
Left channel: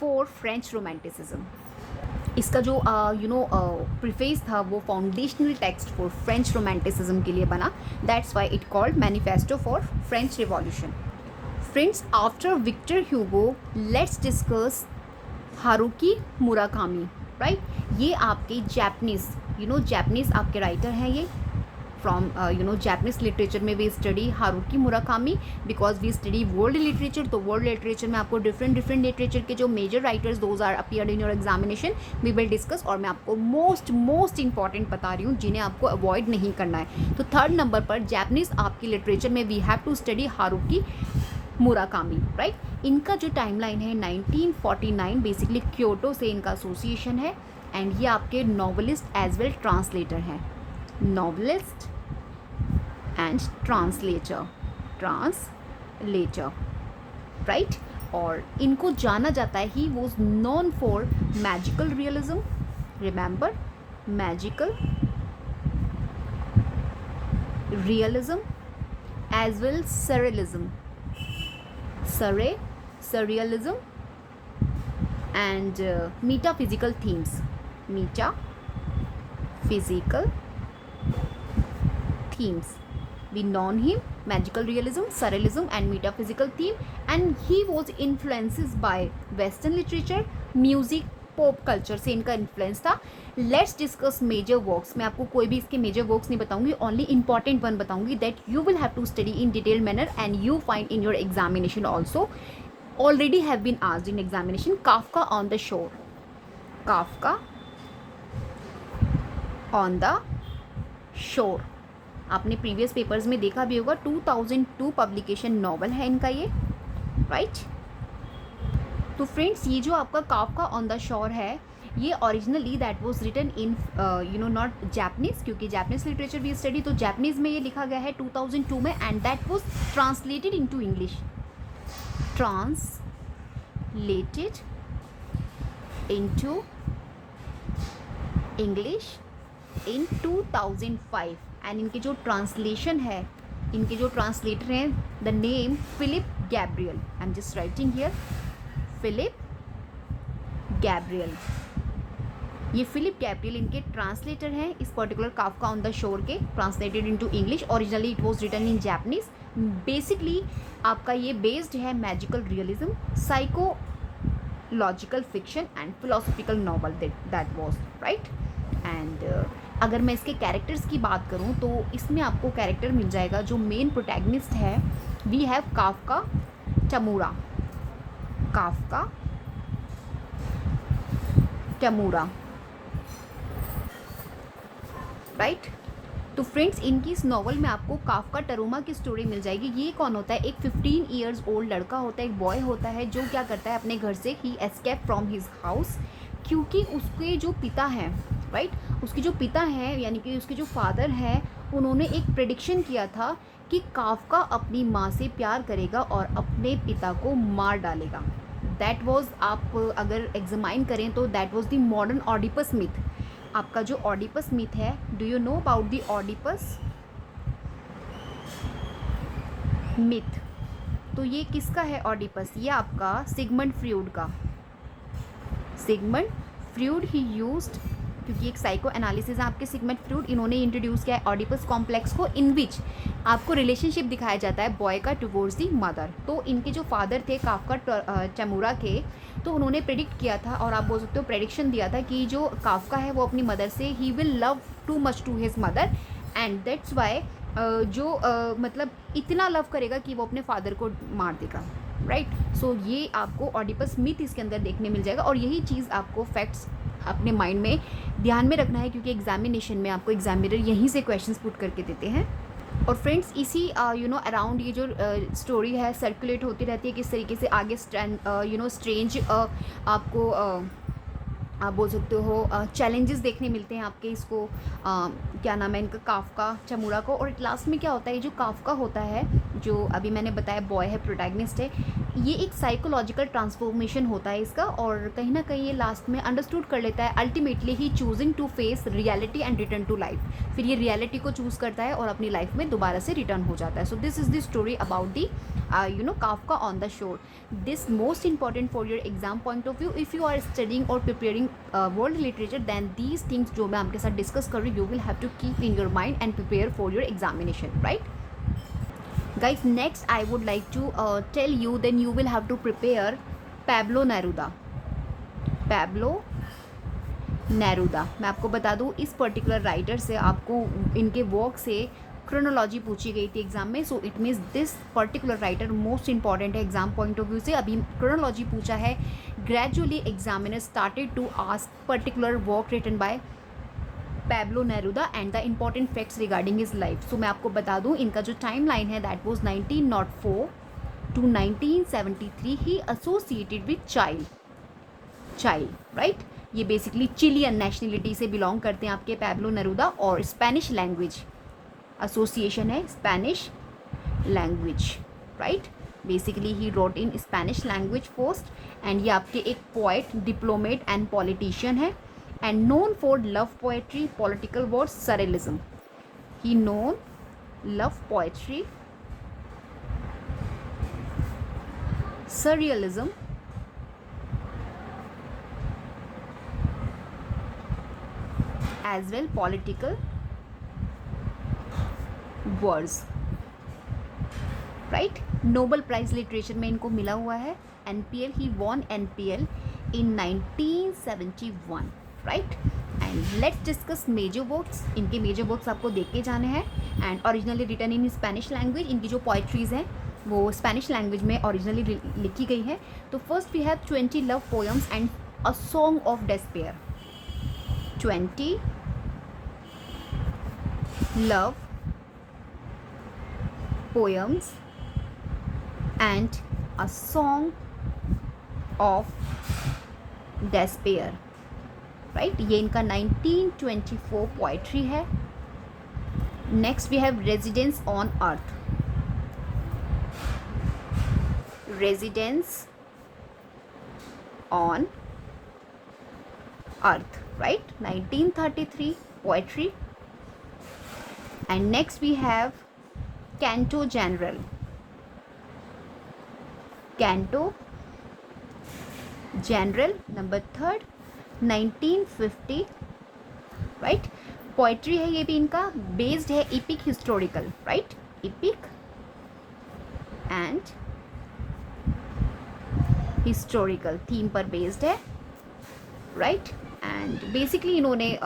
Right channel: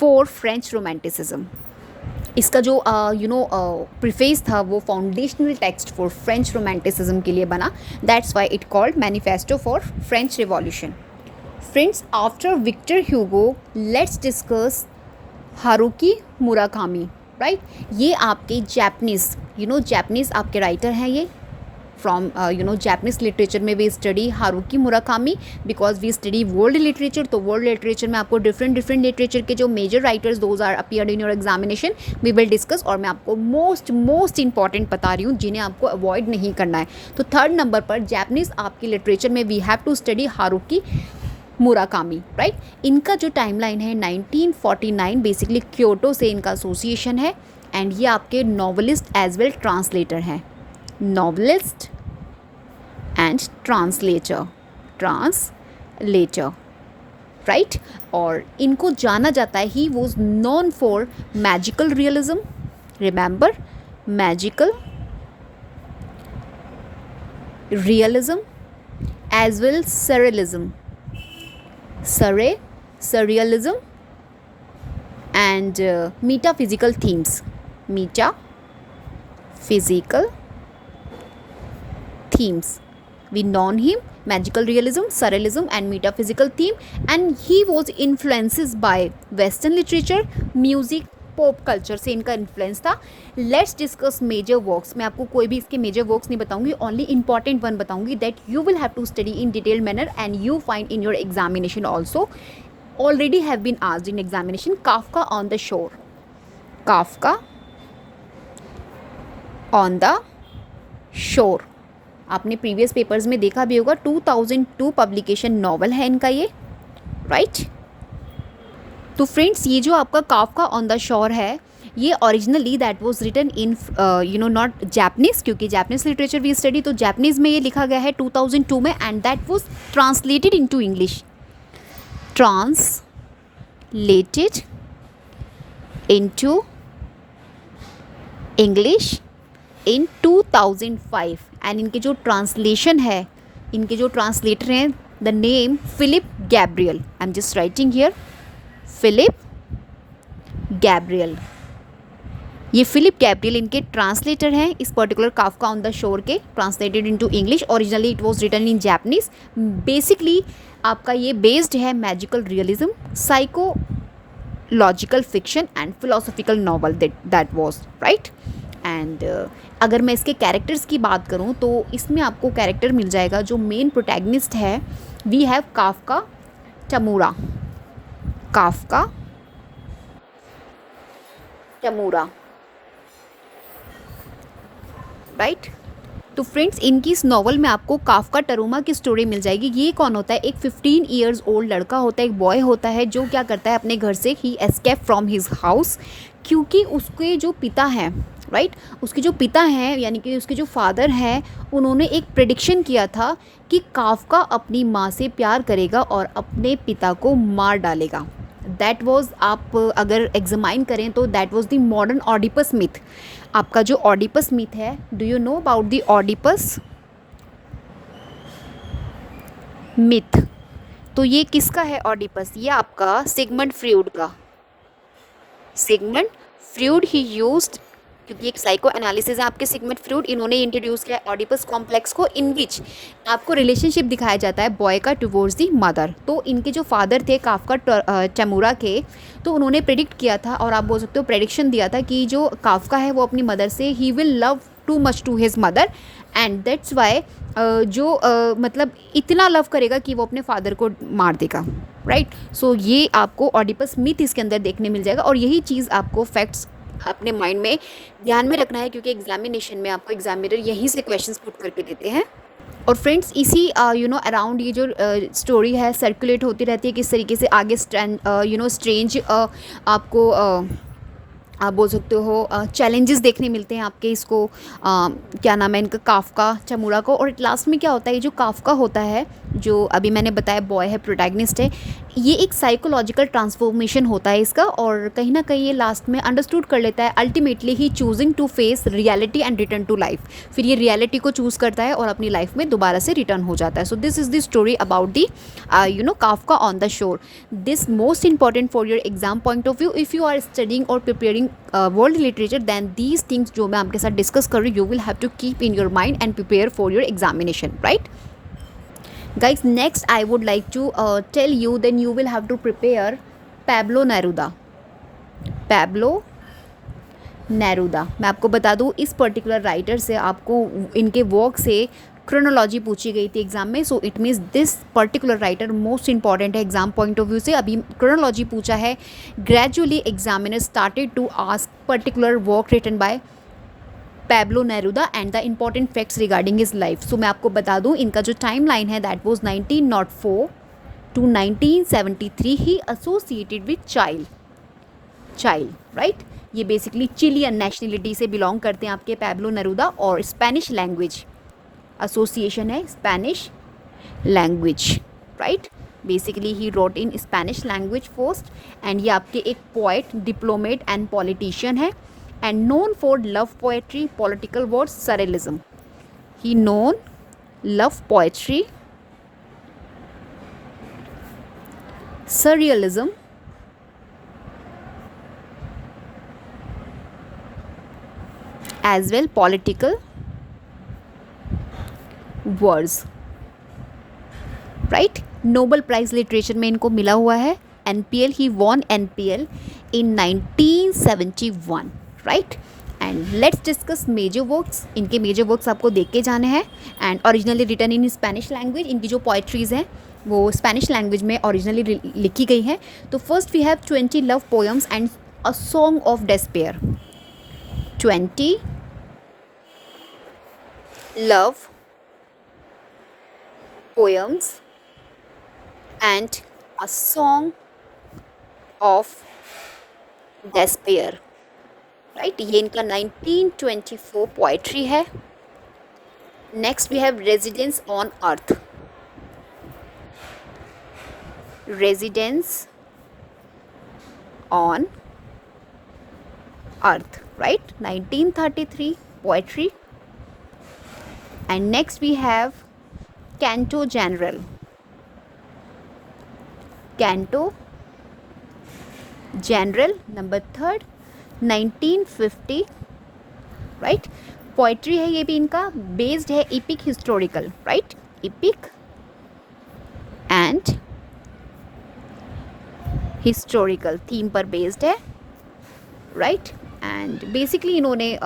for French romanticism. इसका जो प्रीफेस था वो foundational text for French romanticism के लिए बना. That's why it called manifesto for French revolution. Friends, after Victor Hugo let's discuss Haruki Murakami, right? ये आपके जापानीज़ आपके राइटर हैं ये, फ्रॉम जापानीज लिटरेचर में we study Haruki Murakami, because we study world literature. तो world literature में आपको different literature के जो major writers those are appeared in your examination we will discuss, और मैं आपको मोस्ट इंपॉर्टेंट बता रही हूँ जिन्हें आपको अवॉइड नहीं करना है। तो थर्ड नंबर पर जापानीज आपकी लिटरेचर में we have to study Haruki Murakami, right. इनका जो टाइमलाइन है 1949, बेसिकली क्योटो से इनका एसोसिएशन है, एंड ये आपके नॉवलिस्ट एज वेल ट्रांसलेटर हैं, नॉवलिस्ट एंड ट्रांसलेटर, राइट। और इनको जाना जाता है, he was known for magical realism, remember magical realism as well surrealism and metaphysical themes, we known him magical realism, surrealism and metaphysical theme, and he was influenced by western literature, music, pop culture से इनका influence था। Let's discuss major works. मैं आपको कोई भी इसके major works नहीं बताऊंगी, ओनली इंपॉर्टेंट वन बताऊंगी that you will have to study in detail manner and you find in your examination also, already have been asked in examination. Kafka on the shore, Kafka on the shore, आपने previous papers में देखा भी होगा, 2002 publication novel है इनका ये, right. तो friends, ये जो आपका काफका ऑन द शोर है, ये originally that was written in not Japanese, क्योंकि जापानीज लिटरेचर भी स्टडी, तो जापानीज में ये लिखा गया है 2002 में, and that was translated into English, translated into English in 2005। And इनके जो ट्रांसलेशन है, इनके जो ट्रांसलेटर हैं, the name Philip Gabriel, I am just writing here, Philip Gabriel, ये फिलिप गैब्रियल इनके ट्रांसलेटर हैं इस particular Kafka on the shore के, translated into English. Originally it was written in Japanese. Basically आपका ये बेस्ड है magical realism, psychological fiction and philosophical novel, that was right. And अगर मैं इसके कैरेक्टर्स की बात करूं तो इसमें आपको कैरेक्टर मिल जाएगा, जो मेन प्रोटैगनिस्ट है, we have Kafka Tamura, Kafka Tamura, right. तो फ्रेंड्स, इनकी इस नॉवल में आपको काफका टरूमा की स्टोरी मिल जाएगी। ये कौन होता है? एक 15 ईयर्स ओल्ड लड़का होता है, एक बॉय होता है, जो क्या करता है अपने घर से, ही एस्केप फ्रॉम हिज हाउस, क्योंकि उसके जो पिता हैं, राइट, उसके जो पिता हैं यानी कि उसके जो फादर हैं, उन्होंने एक प्रेडिक्शन किया था कि काफका अपनी माँ से प्यार करेगा और अपने पिता को मार डालेगा। दैट वॉज, आप अगर एग्जामाइन करें तो that was the modern Oedipus myth. आपका जो ऑडिपस मिथ है, do you know about the Oedipus myth? तो ये किसका है ऑडिपस? ये आपका सिगमंड फ्रॉइड का। सिगमंड फ्रॉइड ही यूज्ड, क्योंकि एक साइको एनालिसिस है आपके, सिगमंड फ्रॉइड, इन्होंने इंट्रोड्यूस किया है ऑडिपस कॉम्प्लेक्स को, इन विच आपको रिलेशनशिप दिखाया जाता है बॉय का टुवर्ड्स दी मदर। तो इनके जो फादर थे काफका टमूरा के, तो उन्होंने प्रेडिक्ट किया था, और आप बोल सकते हो प्रेडिक्शन दिया था कि जो काफका है वो अपनी मदर से, he will love too much to his mother, and that's why मतलब इतना लव करेगा कि वो अपने फादर को मार देगा, राइट। सो ये आपको ऑडिपस मिथ इसके अंदर देखने मिल जाएगा, और यही चीज़ आपको फैक्ट्स अपने माइंड में ध्यान में रखना है, क्योंकि एग्जामिनेशन में आपको एग्जामिनर यहीं से क्वेश्चंस पुट करके देते हैं। और फ्रेंड्स, इसी अराउंड ये जो स्टोरी है सर्कुलेट होती रहती है, किस तरीके से आगे स्ट्रेंज आपको आप बोल सकते हो चैलेंजेस देखने मिलते हैं आपके इसको क्या नाम है इनका, काफका टमूरा को। और लास्ट में क्या होता है, ये जो काफका होता है, जो अभी मैंने बताया बॉय है, प्रोटैगनिस्ट है, ये एक साइकोलॉजिकल ट्रांसफॉर्मेशन होता है इसका, और कहीं ना कहीं ये लास्ट में अंडरस्टूड कर लेता है, ultimately he choosing to face reality and return to life. फिर ये रियलिटी को चूज़ करता है और अपनी लाइफ में दोबारा से रिटर्न हो जाता है। So this is the story about the Kafka on the shore. This most important for your exam point of view, if you are studying और preparing world literature, then these things जो मैं आपके साथ discuss कर रही हूँ, you will have to keep in your mind and prepare for your examination, right. Guys, next I would like to tell you, then you will have to prepare Pablo Neruda. Pablo Neruda. मैं आपको बता दूँ इस particular writer से आपको इनके work से chronology पूछी गई थी एग्जाम में, so it means this particular writer most important है एग्जाम पॉइंट ऑफ व्यू से। अभी क्रोनोलॉजी पूछा है, gradually examiner started to ask particular work written by Pablo Neruda and the important facts regarding his life. सो मैं आपको बता दूँ इनका जो टाइम लाइन है that was 1904 to 1973 he associated with child, right. ये बेसिकली चिलियन नेशनलिटी से बिलोंग करते हैं आपके पैब्लो नेरूदा, और स्पेनिश लैंग्वेज एसोसिएशन है Spanish language, right. Basically he wrote in Spanish language first, and ये आपके एक पोएट, डिप्लोमेट एंड पॉलिटिशियन है, and known for love poetry, political words, surrealism. He known love poetry, surrealism, as well political words, right। Nobel prize literature में इनको मिला हुआ है NPL, he won NPL in 1971, right. And let's discuss major works. इनके major works आपको देख के जाने हैं, and originally written in Spanish language. इनकी जो पोइट्रीज़ हैं वो स्पेनिश लैंग्वेज में ओरिजिनली लिखी गई हैं। तो first we have 20 love poems and a song of despair. 20 love poems and a song of despair, right. ये इनका 1924 पोएट्री है। Next we have residence on earth, residence on earth, right, 1933 poetry. And next we have Canto General, Canto General number 3, 1950, right. Poetry है ये भी इनका, based है epic historical, right, epic and historical theme पर based है, right. And basically इन्होंने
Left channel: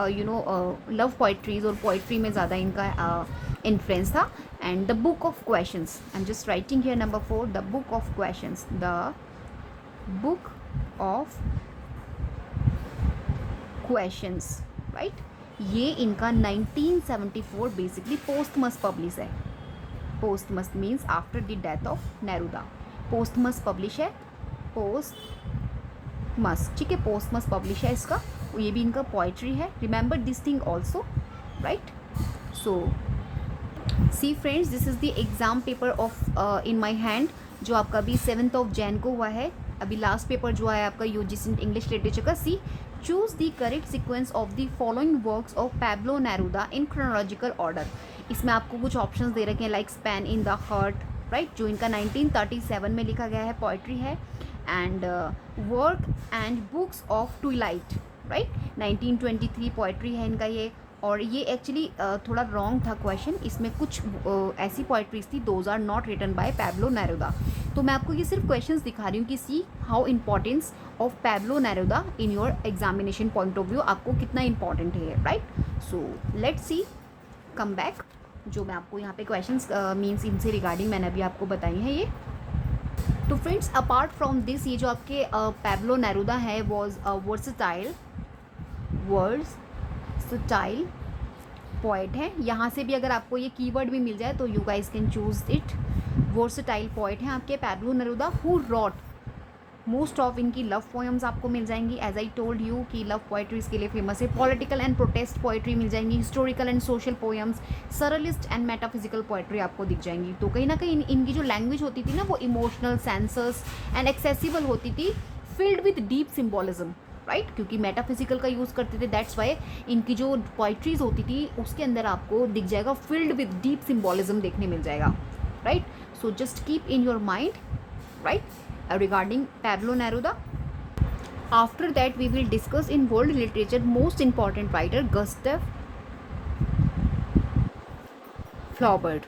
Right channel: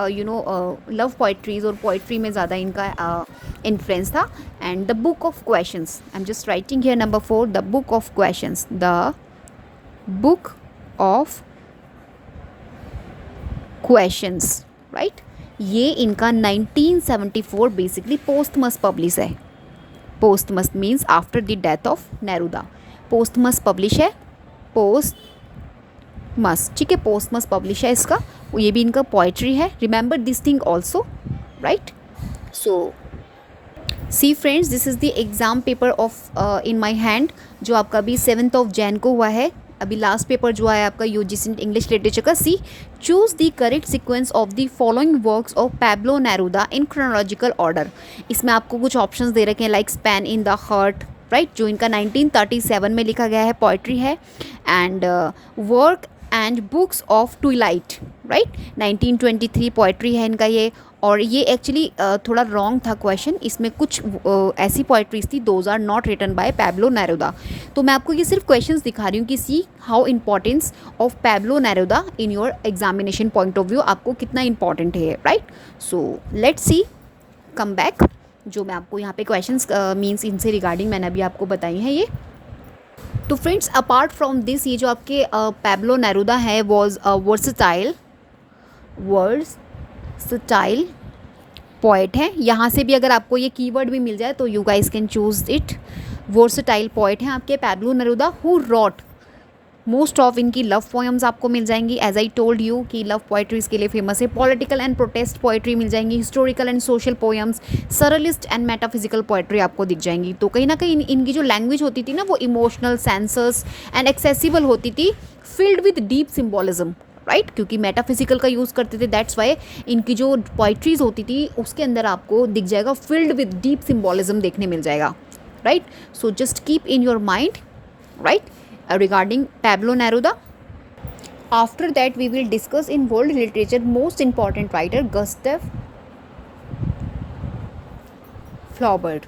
love poetries और poetry में ज़्यादा इनका इन्फ्लुएंस था। And the book of questions, I am just writing here number 4, the book of questions, the book of questions, right. ये इनका 1974 बेसिकली पोस्टमस पब्लिश है। Posthumous means after the death of Neruda, posthumous publish है, posthumous, ठीक है, पोस्टमस publish है इसका। ये भी इनका पोइट्री है। Remember this thing also, right. So see friends, this is the exam paper of in my hand, जो आपका अभी 7 जैन को हुआ है। अभी लास्ट पेपर जो आया आपका यूजीसी इंग्लिश लिटरेचर का। C choose the correct sequence of the following works of Pablo Neruda in chronological order. इसमें आपको कुछ ऑप्शंस दे रखे हैं, like Spain in the heart, right, जो इनका 1937 में लिखा गया है, पोइट्री है। And work and books of twilight, right, 1923 poetry है इनका ये। और ये एक्चुअली थोड़ा रॉन्ग था क्वेश्चन, इसमें कुछ ऐसी पोइट्रीज थी those are not written by Pablo Neruda. तो मैं आपको ये सिर्फ क्वेश्चंस दिखा रही हूँ कि see how importance of Pablo Neruda in your examination point of view, आपको कितना इंपॉर्टेंट है, right. So let's see, come back, जो मैं आपको यहाँ पे क्वेश्चंस मीन्स इनसे रिगार्डिंग मैंने अभी आपको बताई हैं ये। तो फ्रेंड्स, अपार्ट फ्रॉम दिस, ये जो आपके पैब्लो नेरूदा है वॉज वर्सटाइल पोएट है। यहाँ से भी अगर आपको ये कीवर्ड भी मिल जाए तो you guys can choose it. Versatile poet हैं आपके Pablo Neruda, who wrote most of इनकी लव पोएम्स आपको मिल जाएंगी। एज आई टोल्ड यू कि लव पोएट्रीज के लिए फेमस है। पॉलिटिकल एंड प्रोटेस्ट पोएट्री मिल जाएंगी, historical and social poems, surrealist and metaphysical poetry आपको दिख जाएंगी। तो कहीं ना कहीं इनकी जो लैंग्वेज होती थी ना वो इमोशनल, सेंसस एंड एक्सेसिबल होती थी, filled with deep symbolism, right, क्योंकि मेटाफिजिकल का यूज़ करते थे, दैट्स वाई इनकी जो पोइट्रीज होती थी उसके अंदर आपको दिख जाएगा फिल्ड विद डीप सिम्बॉलिज्म देखने मिल जाएगा, right. So just keep in your mind, right, regarding Pablo Neruda. After that we will discuss in world literature most important writer Gustav Flaubert.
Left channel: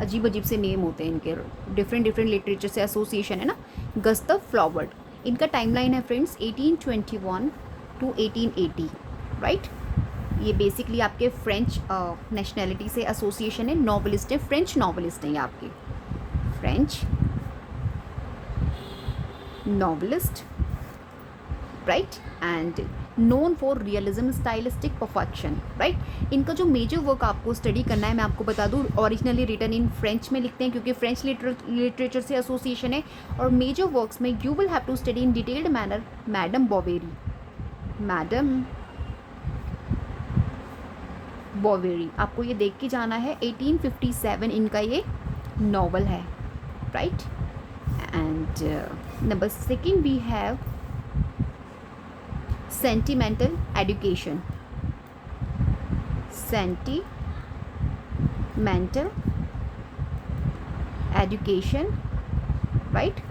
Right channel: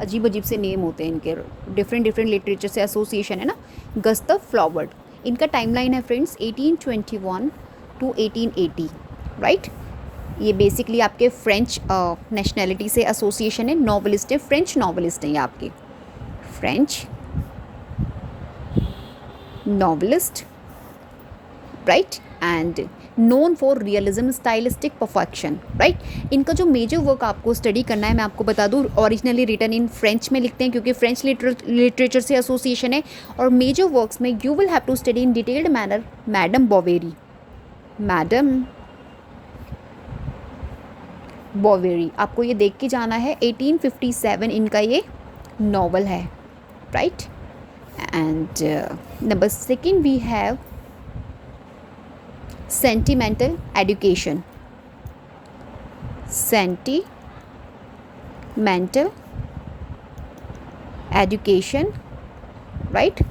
अजीब अजीब से नेम होते हैं इनके, डिफरेंट लिटरेचर से association है ना। गस्टव फ्लॉबर्ट, इनका टाइमलाइन है फ्रेंड्स 1821 टू 1880, राइट। ये बेसिकली आपके फ्रेंच नेशनैलिटी से एसोसिएशन है, नॉवलिस्ट है, फ्रेंच नॉवलिस्ट हैं ये आपके, French novelist, right, and known for realism, stylistic perfection, right. इनका जो मेजर वर्क आपको स्टडी करना है, मैं आपको बता दूँ, ओरिजिनली रिटन इन फ्रेंच में लिखते हैं क्योंकि फ्रेंच लिटरेचर से एसोसिएशन है, और मेजर वर्क्स में you will have to study in detailed manner Madame Bovary, Madame Bovary, आपको ये देख के जाना है। 1857 इनका ये नॉवल है, right. And number second we have sentimental education, sentimental education, right,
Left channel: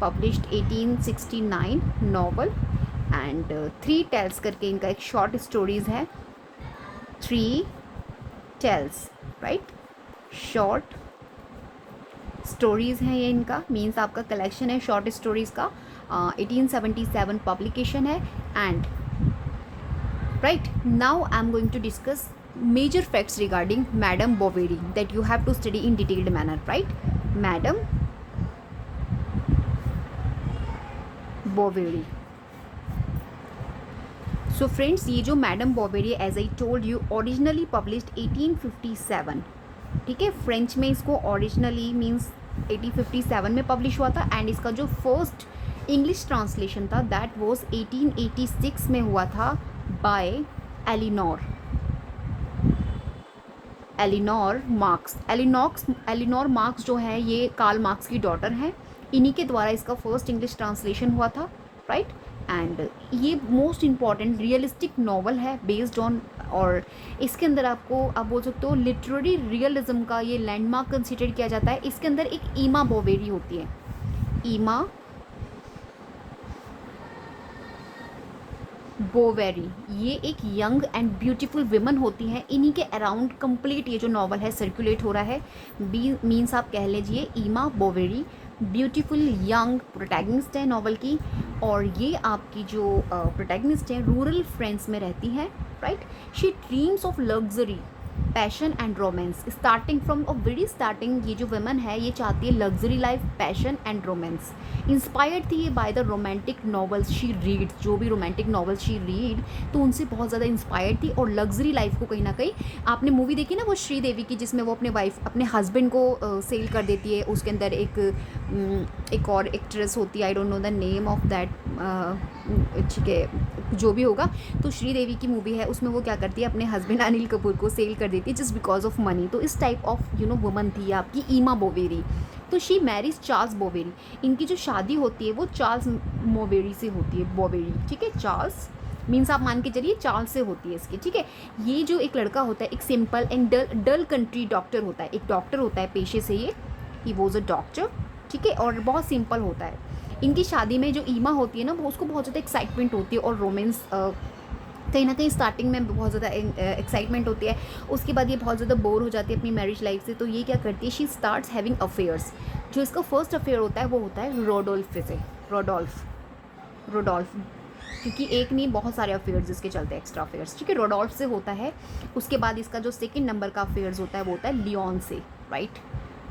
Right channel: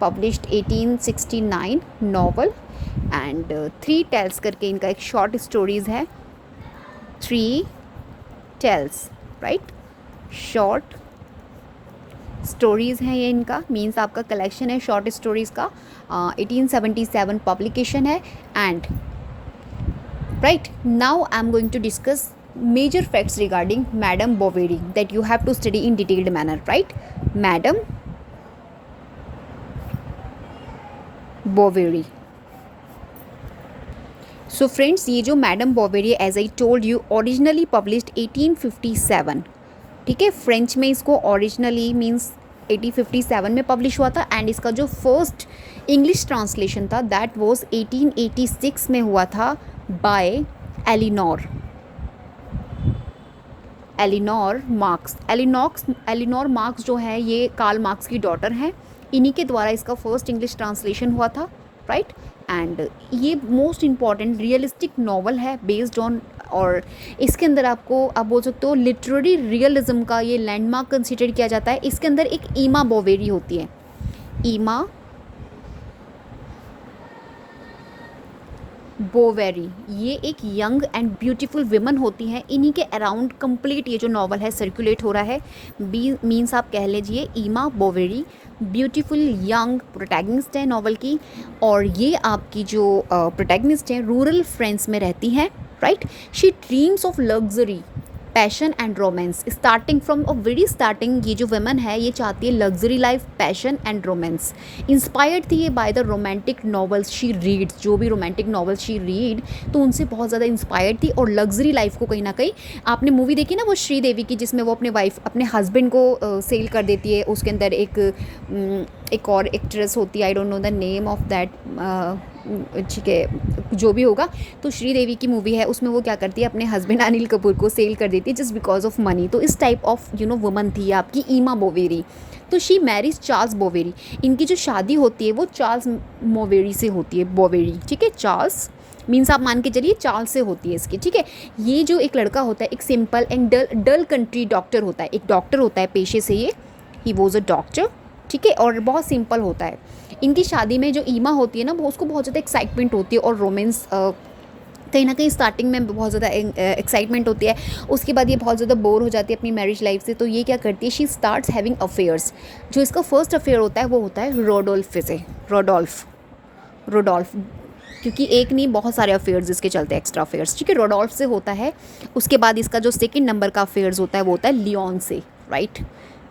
published 1869 novel, and three tales करके इनका एक शॉर्ट स्टोरीज़ है, three tales, right, short stories हैं ये इनका, मीन्स आपका कलेक्शन है शॉर्ट स्टोरीज़ का, 1877 पब्लिकेशन है। And right now I am going to discuss major facts regarding Madame Bovary that you have to study in detailed manner, right. Madame Bovary, so friends ये जो Madame Bovary as I told you originally published 1857, ठीक है, French में इसको originally means 1857 में publish हुआ था, and इसका जो फर्स्ट इंग्लिश ट्रांसलेशन था दैट वाज 1886 में हुआ था by Eleanor Marx. Eleanor Marx जो है ये कार्ल मार्क्स की डॉटर हैं, इन्हीं के द्वारा इसका फर्स्ट इंग्लिश ट्रांसलेशन हुआ था, राइट। एंड ये मोस्ट इम्पॉर्टेंट रियलिस्टिक नॉवल है बेस्ड ऑन, और इसके अंदर आपको आप बोल सकते हो लिटरेरी रियलिज्म का ये लैंडमार्क कंसिडर किया जाता है। इसके अंदर एक ईमा बोवेरी होती है, ईमा बोवेरी, ये एक यंग एंड ब्यूटीफुल विमन होती हैं, इन्हीं के अराउंड कंप्लीट ये जो नॉवल है सर्कुलेट हो रहा है। मीन्स आप कह लीजिए ईमा बोवेरी ब्यूटीफुल यंग प्रोटैगनिस्ट है नॉवल की, और ये आपकी जो प्रोटैगनिस्ट हैं रूरल फ्रांस में रहती हैं, right. She dreams of luxury, passion and romance, starting from a very starting ये जो वुमेन है ये चाहती है luxury life, passion and romance. Inspired थी ये by the romantic novels she read, जो भी रोमांटिक नॉवेल्स शी रीड तो उनसे बहुत ज़्यादा इंस्पायर्ड थी, और लग्जरी लाइफ को कहीं ना कहीं, आपने मूवी देखी ना वो श्रीदेवी की जिसमें वो अपने वाइफ अपने हस्बैंड को सेल कर देती है, उसके अंदर एक और एक्ट्रेस होती है, I don't know the name of that, ठीक है जो भी होगा, तो श्रीदेवी की मूवी है, उसमें वो क्या करती है अपने हस्बैंड अनिल कपूर को सेल कर देती है जस्ट बिकॉज ऑफ मनी। तो इस टाइप ऑफ वुमन थी आपकी ईमा बोवेरी। तो शी मैरिज चार्ल्स बोवेरी, इनकी जो शादी होती है वो चार्ल्स मोवेरी से होती है, बोवेरी, ठीक है, चार्ल्स मीन्स आप मान के चलिए चार्ल्स से होती है इसकी, ठीक है। ये जो एक लड़का होता है एक simple and dull country doctor होता है, एक डॉक्टर होता है पेशे से, ये ही वॉज अ डॉक्टर, ठीक है, और बहुत सिंपल होता है। इनकी शादी में जो ईमा होती है ना वो उसको बहुत ज़्यादा एक्साइटमेंट होती है, और रोमांस कहीं ना कहीं स्टार्टिंग में बहुत ज़्यादा एक्साइटमेंट होती है, उसके बाद ये बहुत ज़्यादा बोर हो जाती है अपनी मैरिज लाइफ से, तो ये क्या करती है शी स्टार्ट्स हैविंग अफेयर्स। जो इसका फर्स्ट अफेयर होता है वो होता है रोडोल्फ से, रोडोल्फ क्योंकि एक नहीं बहुत सारे अफेयर्स इसके चलते हैं, एक्स्ट्रा अफेयर्स, ठीक है, रोडोल्फ से होता है। उसके बाद इसका जो सेकंड नंबर का अफेयर्स होता है वो होता है लियोन से, राइट,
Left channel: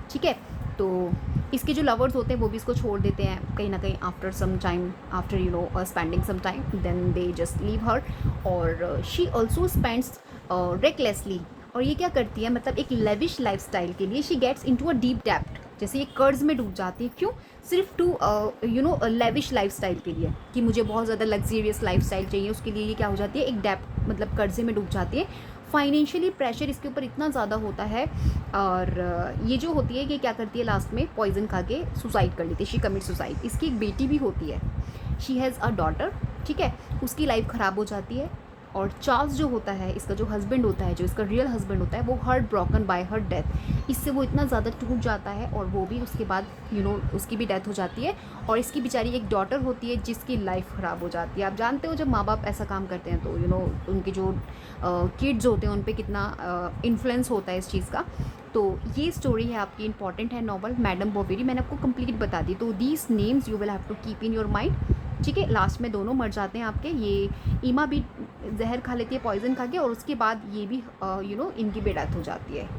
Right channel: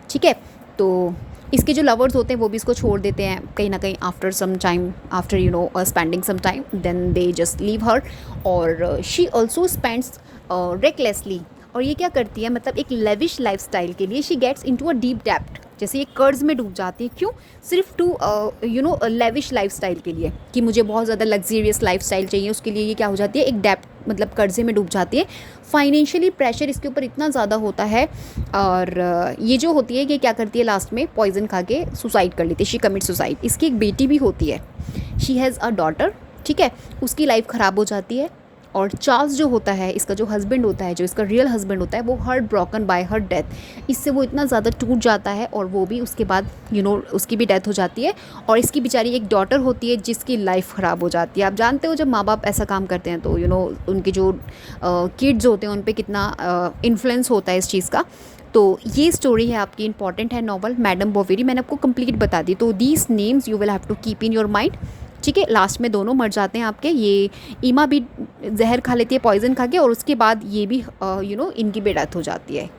ठीक है। तो इसके जो लवर्स होते हैं वो भी इसको छोड़ देते हैं कहीं ना कहीं after some time, after spending some time, then they just leave her, और शी ऑल्सो स्पेंड्स रेकलेसली, और ये क्या करती है मतलब एक लेविश लाइफस्टाइल के लिए she gets into a deep depth, जैसे ये कर्ज में डूब जाती है, क्यों, सिर्फ टू लेविश लाइफस्टाइल के लिए, कि मुझे बहुत ज़्यादा लग्जरियस लाइफस्टाइल चाहिए, उसके लिए ये क्या हो जाती है एक डेप्थ मतलब कर्जे में डूब जाती है। फाइनेंशियली प्रेशर इसके ऊपर इतना ज़्यादा होता है, और ये जो होती है कि क्या करती है लास्ट में पॉइजन खा के सुसाइड कर लेती है, शी कमिट सुसाइड। इसकी एक बेटी भी होती है, शी हैज़ अ डॉटर, ठीक है, उसकी लाइफ ख़राब हो जाती है। और चार्ल्स जो होता है इसका जो हस्बैंड होता है, जो इसका रियल हस्बैंड होता है, वो heart broken by her death, इससे वो इतना ज़्यादा टूट जाता है, और वो भी उसके बाद उसकी भी डेथ हो जाती है। और इसकी बेचारी एक डॉटर होती है जिसकी लाइफ ख़राब हो जाती है। आप जानते हो जब माँ बाप ऐसा काम करते हैं तो उनके जो किड्स होते हैं उन पर कितना इन्फ्लुएंस होता है इस चीज़ का। तो ये स्टोरी है आपकी, इंपॉर्टेंट है नॉवल मैडम बोवेरी, मैंने आपको कंप्लीट बता दी। तो these names you will have to keep in your mind, ठीक है। लास्ट में दोनों मर जाते हैं आपके, ये ईमा भी जहर खा लेती है पॉइजन खा के, और उसके बाद ये भी इनकी भी डेथ हो जाती है,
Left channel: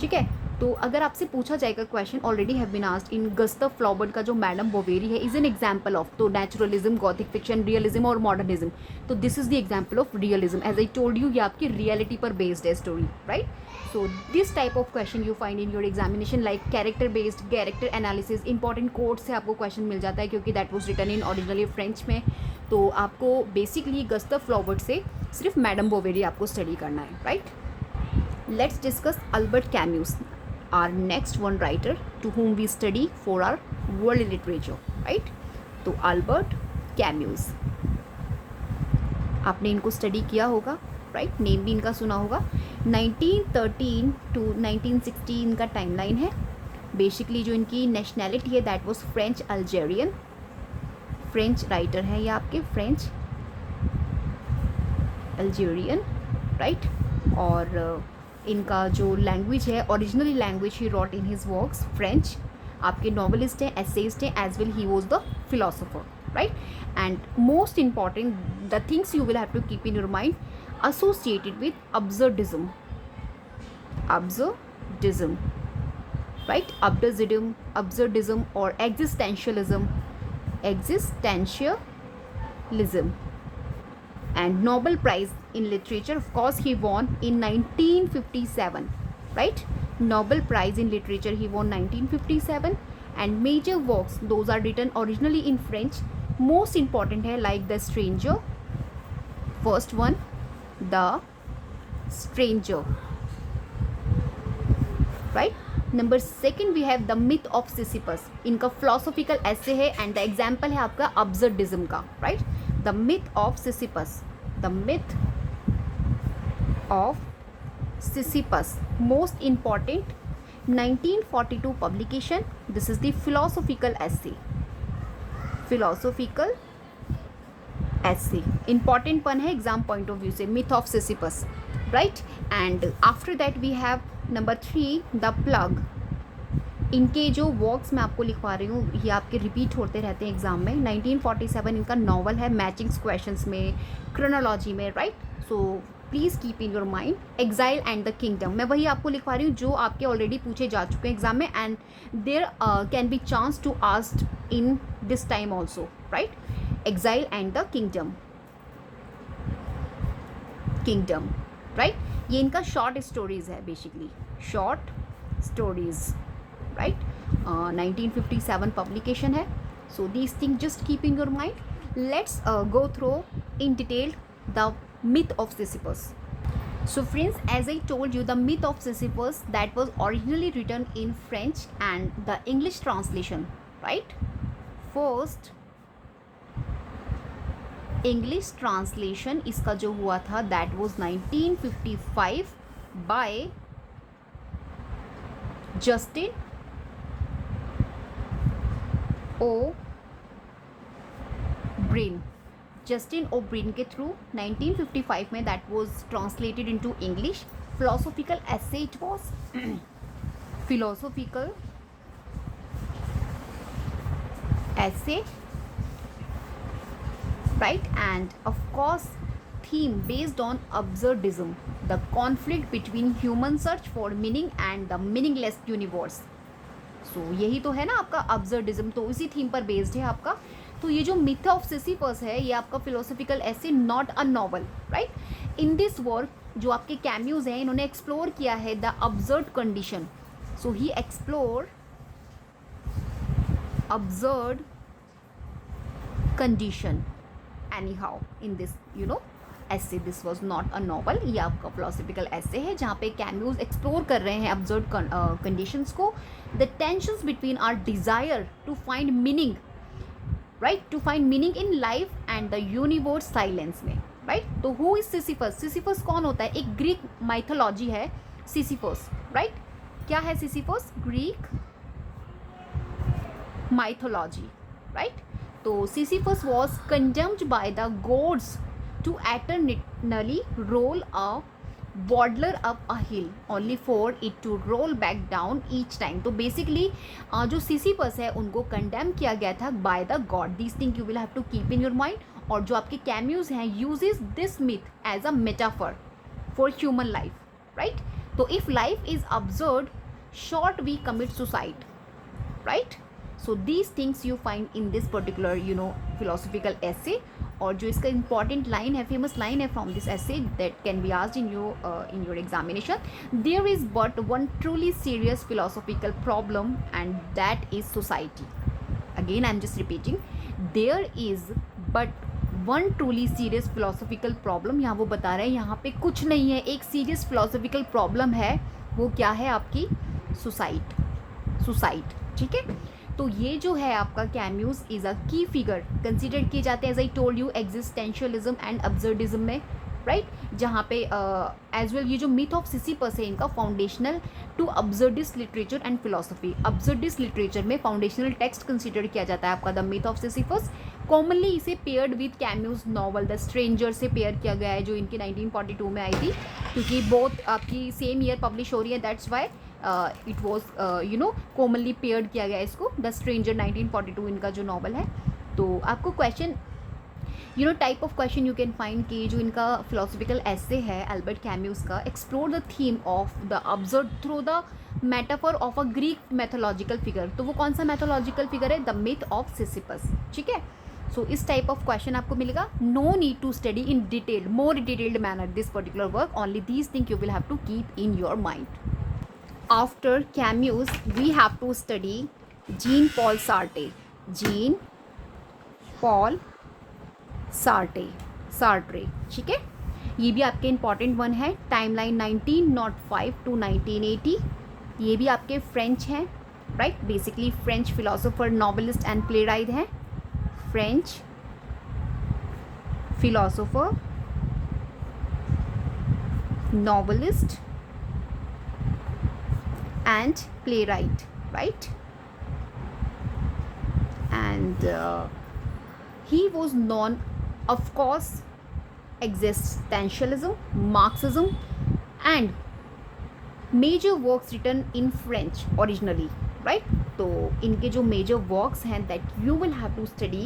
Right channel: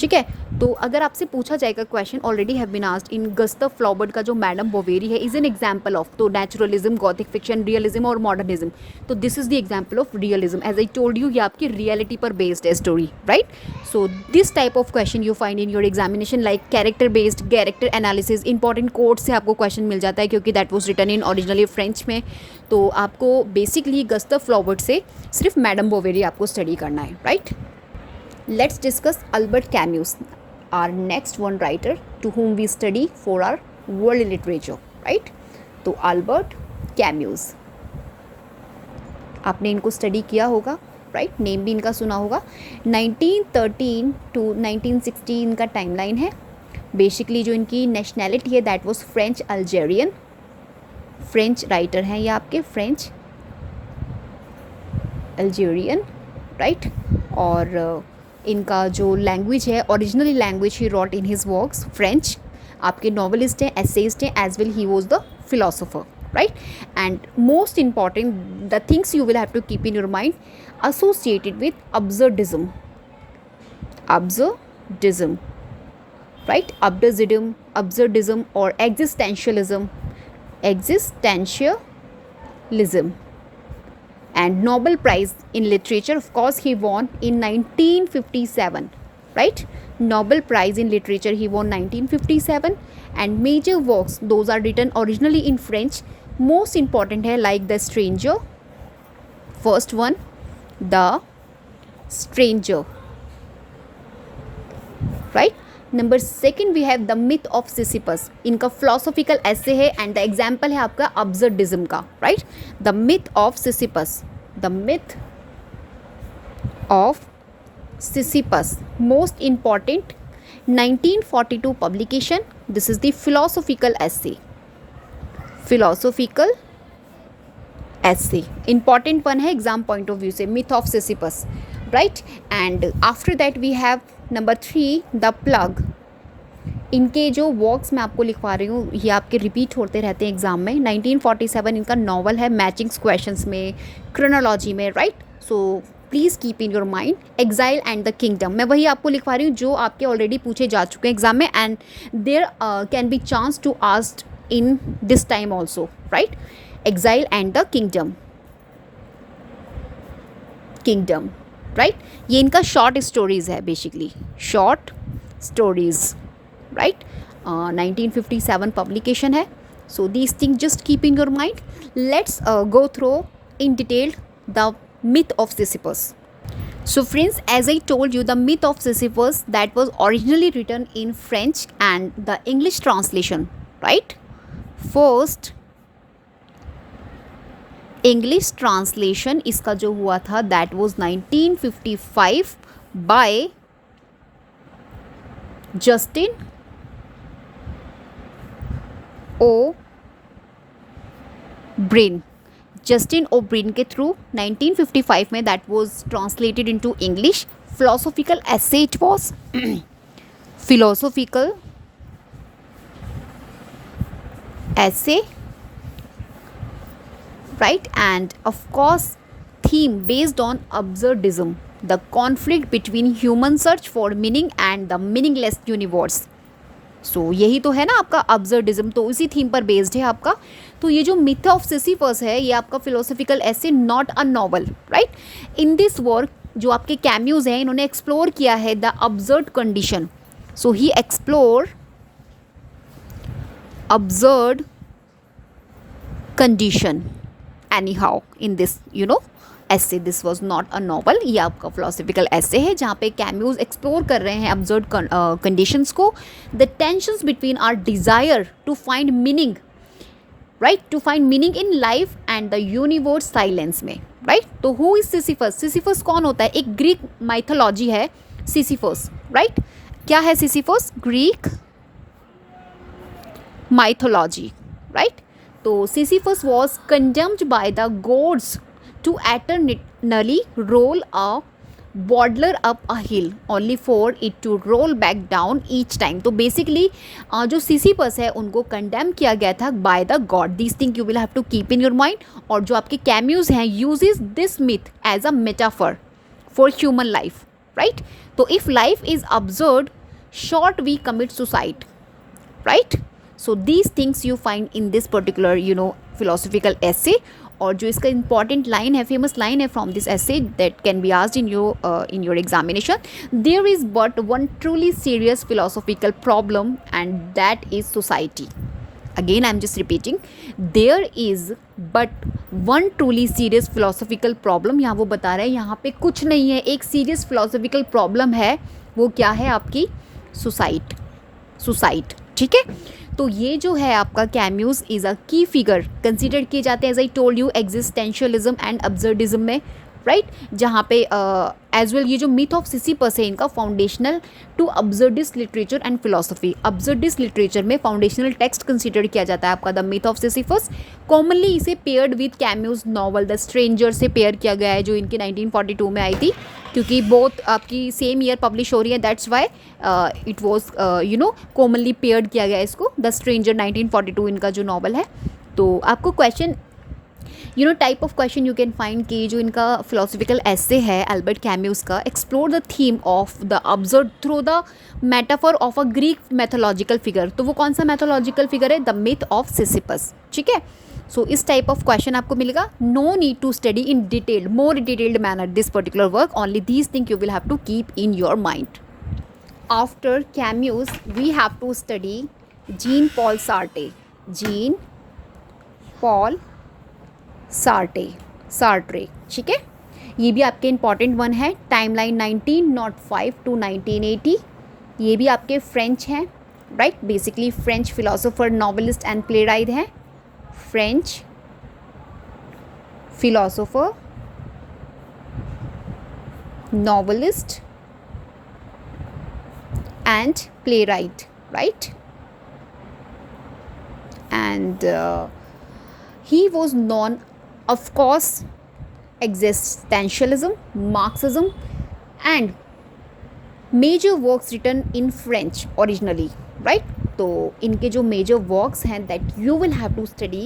ठीक है। तो अगर आपसे पूछा जाएगा question already have been asked in Gustave Flaubert का जो मैडम बोवेरी है इज एन एग्जाम्पल ऑफ, तो नेचुरलिज्म, गॉथिक फिक्शन, रियलिज्म और मॉडर्निज्म। तो this is the example of realism, as I told you, ये आपकी रियलिटी पर बेस्ड है story, right. So this type of question you find in your examination, like character based, character analysis, important quote से आपको question मिल जाता है क्योंकि that was written in originally French में। तो आपको बेसिकली गस्टव फ्लॉबर्ट से सिर्फ मैडम बोवेरी आपको स्टडी करना है, right. Let's discuss Albert Camus, our next one writer to whom we study for our world literature, right? तो अल्बर्ट कैम्यूस, आपने इनको स्टडी किया होगा, राइट, नेम भी इनका सुना होगा। 1913 टू 1916 इनका टाइमलाइन है। बेसिकली जो इनकी नेशनैलिटी है that was French Algerian, French writer हैं ये आपके, फ्रेंच अल्जेरियन, राइट। और इनका जो लैंग्वेज है, ओरिजिनली लैंग्वेज ही wrote in his works French. आपके नॉवलिस्ट हैं, एसेइस्ट हैं, as well he was the philosopher, right. And most important the things you will have to keep in your mind, associated with absurdism, right, absurdism or existentialism, and Nobel Prize in Literature, of course he won in 1957, right, Nobel Prize in Literature he won 1957, and major works those are written originally in French, most important है like The Stranger, first one The Stranger, right. Number second we have The Myth of Sisyphus, इनका philosophical essay है and the example है आपका absurdism का, right. The Myth of Sisyphus, The Myth of Sisyphus, most important 1942 publication. This is the philosophical essay, important one है exam point of view से, myth of Sisyphus, right. And after that we have number 3 the plague. इनके जो works मैं आपको लिखवा रही हूँ ये आपके रिपीट होते रहते हैं एग्जाम में। 1947 इनका नॉवल है, मैचिंग्स क्वेश्चंस में, क्रोनोलॉजी में, right. So please keep in your mind exile and the kingdom, मैं वही आपको लिखवा रही हूँ जो आपके ऑलरेडी पूछे जा चुके हैं एग्जाम में, and there can be chance to asked in this time also, right. Exile and the Kingdom, right. ये इनका शॉर्ट स्टोरीज़ है, basically short stories, right. 1957 publication है। So these thing just keep in your mind. Let's go through in detail the myth of Sisyphus. So friends, as I told you, the myth of Sisyphus that was originally written in French and the English translation, right. First English translation इसका जो हुआ था that was 1955 by Justin O'Brien, के through 1955 में that was translated into English. Philosophical essay it was, philosophical essay, right, and of course theme based on absurdism, the conflict between human search for meaning and the meaningless universe. So यही तो है ना आपका absurdism, तो इसी theme पर based है आपका। तो ये जो मिथ ऑफ सिसिफस है ये आपका philosophical essay, not a novel, right. In this work जो आपके कैम्यूज हैं इन्होंने एक्सप्लोर किया है the absurd condition. So he explore absurd condition anyhow in this essay. This was not a novel, ये आपका philosophical essay है जहाँ पे कैम्यूज एक्सप्लोर कर रहे हैं absurd conditions को, the tensions between our desire to find meaning, right, to find meaning in life and the universe silence में, right. तो who is Sisyphus? Sisyphus कौन होता है? एक ग्रीक माइथोलॉजी है Sisyphus, right. क्या है Sisyphus? Greek mythology, right. तो Sisyphus was condemned by the gods to eternally roll a boulder up a hill only for it to roll back down each time. तो basically जो Sisyphus है उनको condemn किया गया था by the god. This thing you will have to keep in your mind. और जो आपके कैम्यूज हैं uses this myth as a metaphor for human life, right. तो if life is observed short we commit suicide, right. So these things you find in this particular philosophical essay. और जो इसका important line है, famous line है from this essay that can be asked in your examination, there is but one truly serious philosophical problem and that is society. Again I am just repeating, there is but one truly serious philosophical problem. यहाँ वो बता रहे हैं यहाँ पे कुछ नहीं है, एक सीरियस फिलोसॉफिकल प्रॉब्लम है। वो क्या है? आपकी सुसाइड, ठीक है। तो ये जो है आपका कैम्यूज इज़ अ की फिगर कंसिडर किए जाते हैं as I told you existentialism and absurdism में, राइट। जहाँ पे एज वेल ये जो मिथ ऑफ सिसिपस है इनका foundational to absurdist literature and philosophy. Absurdist literature में फाउंडेशनल टेक्स्ट कंसिडर किया जाता है आपका the myth of Sisyphus. Commonly इसे paired with Camus novel the stranger से पेयर किया गया है, जो इनकी 1942 में आई थी, क्योंकि बोथ आपकी सेम ईयर पब्लिश हो रही है, that's why it was commonly paired किया गया इसको। द स्ट्रेंजर 1942 इनका जो नॉवल है। तो आपको question type of question you can find कि जो इनका फिलोसफिकल एसे है अल्बर्ट कैम्यूज का, explore the theme of the observe through the metaphor of a Greek mythological figure. तो वो कौन सा मैथोलॉजिकल फिगर है? द मिथ ऑफ सिसिपस, ठीक है। सो इस टाइप ऑफ क्वेश्चन आपको मिलेगा। No need to study in detailed, more detailed manner this particular work, only these thing you will have to keep in your mind. After Camus we have to study Jean Paul Sartre. Jean Paul Sartre, ठीक है। ये भी आपके important one है। Timeline 1905 to 1980। ये भी आपके French हैं, right. Basically French philosopher, novelist and playwright हैं। French philosopher, novelist and playwright, right. And he was known, of course, existentialism, Marxism, and major works written in French originally, right? तो इनके जो major works हैं that you will have to study,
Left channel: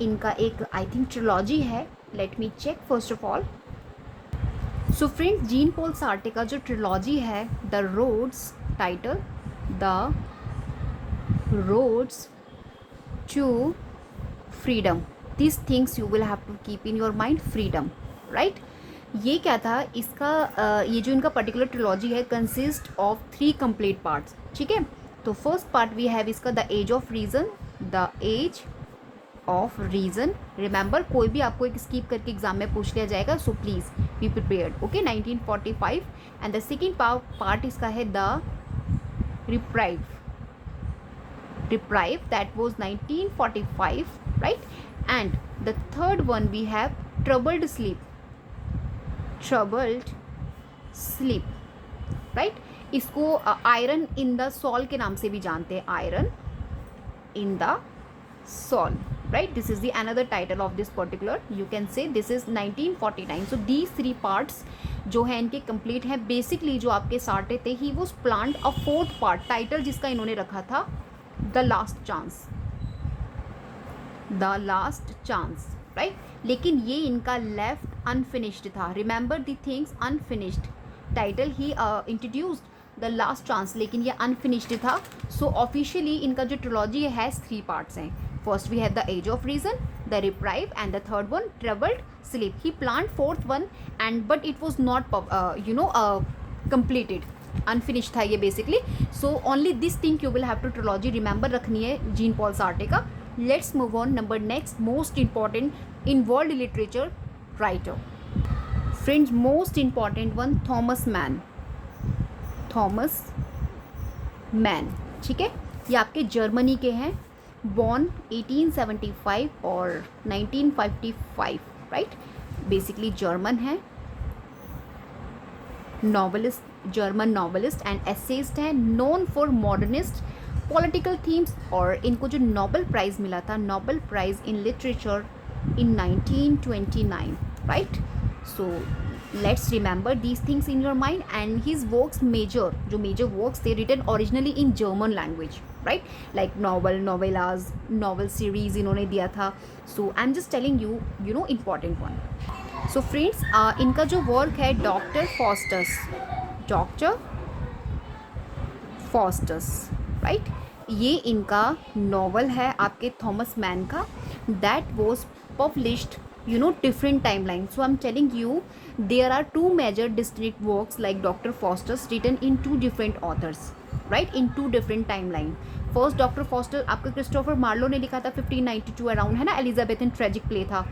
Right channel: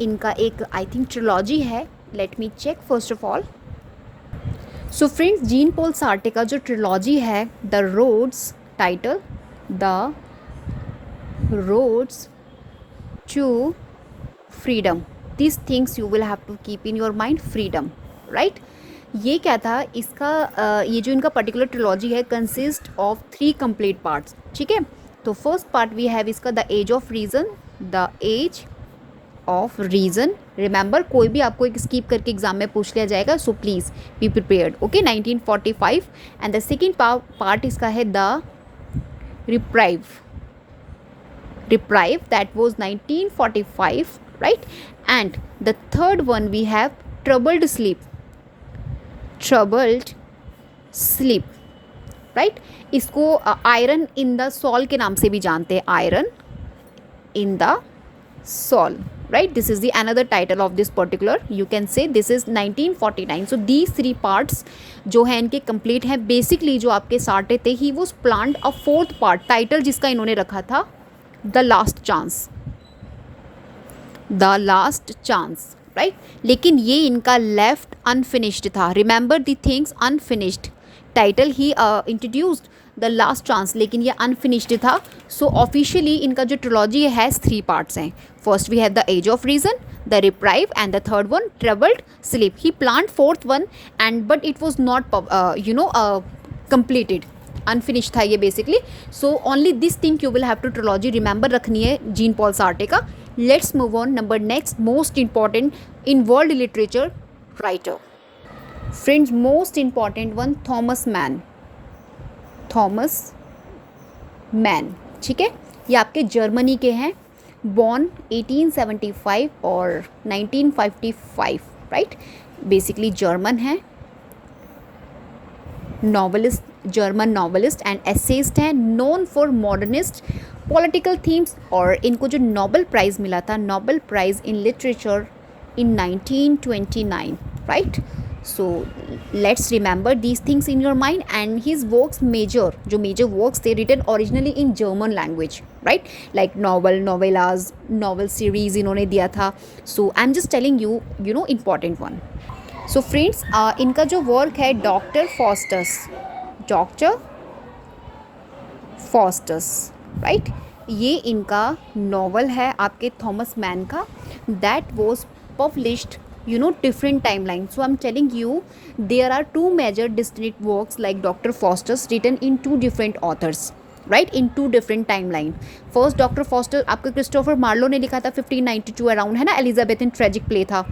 इनका एक I think trilogy है. Let me check first of all. So friends, Jean Paul Sartre का जो trilogy है, The Roads title, The Roads to freedom, this things you will have to keep in your mind, freedom, right. ये क्या था इसका, ये जो इनका पर्टिकुलर ट्रिलॉजी है कंसिस्ट ऑफ 3 कंप्लीट पार्ट्स, ठीक है। तो फर्स्ट पार्ट वी हैव इसका the age of reason, the age of reason. Remember, कोई भी आपको एक स्कीप करके एग्जाम में पूछ लिया जाएगा, so please be prepared, okay. 1945। And the second part इसका है the reprieve, that was 1945, right? And the third one we have troubled sleep, right? इसको आयरन इन द सॉल के नाम से भी जानते हैं, iron in the soul, right? This is the another title of this particular, you can say this is 1949. So these 3 parts जो हैं इनके complete हैं। Basically जो आपके सार्टे थे, he was planned a 4th part, title जिसका इन्होंने रखा था द लास्ट चांस, राइट। लेकिन ये इनका लेफ्ट अनफिनिश्ड था। Remember the things unfinished, title he introduced the last chance, लेकिन ये अनफिनिश्ड था। सो ऑफिशियली इनका जो ट्रिलॉजी है 3 पार्ट्स हैं। First we have the age of reason, the reprieve, and the third one troubled sleep. He planned 4th one and but it was not completed, unfinish था ये बेसिकली। So only this thing you will have to trilogy remember रखनी है Jean Paul Sartre का। Let's move on. Number next most important in world literature writer, friends, most important one, Thomas Mann, ठीक है। ये आपके जर्मनी के हैं, born 1875 और 1955, राइट। बेसिकली जर्मन है, novelist, German novelist and essayist हैं, known for modernist political themes. और इनको जो नोबेल प्राइज़ मिला था, Nobel prize in literature in 1929, right. So let's remember these things in your mind. And his works जो major works थे written originally in German language, right, like novellas, novel series इन्होंने दिया था. So I am just telling you, you know, important one. So friends, इनका जो work है doctor Faustus, right, ये इनका नॉवल है आपके थॉमस मैन का. That was published, you know, different timeline. So I'm telling you there are two major distinct works like Dr. Faustus written in two different authors, right, in two different timeline. First Dr. Faustus आपका Christopher Marlowe ने लिखा था 1592 around, है ना, Elizabethan tragic play था.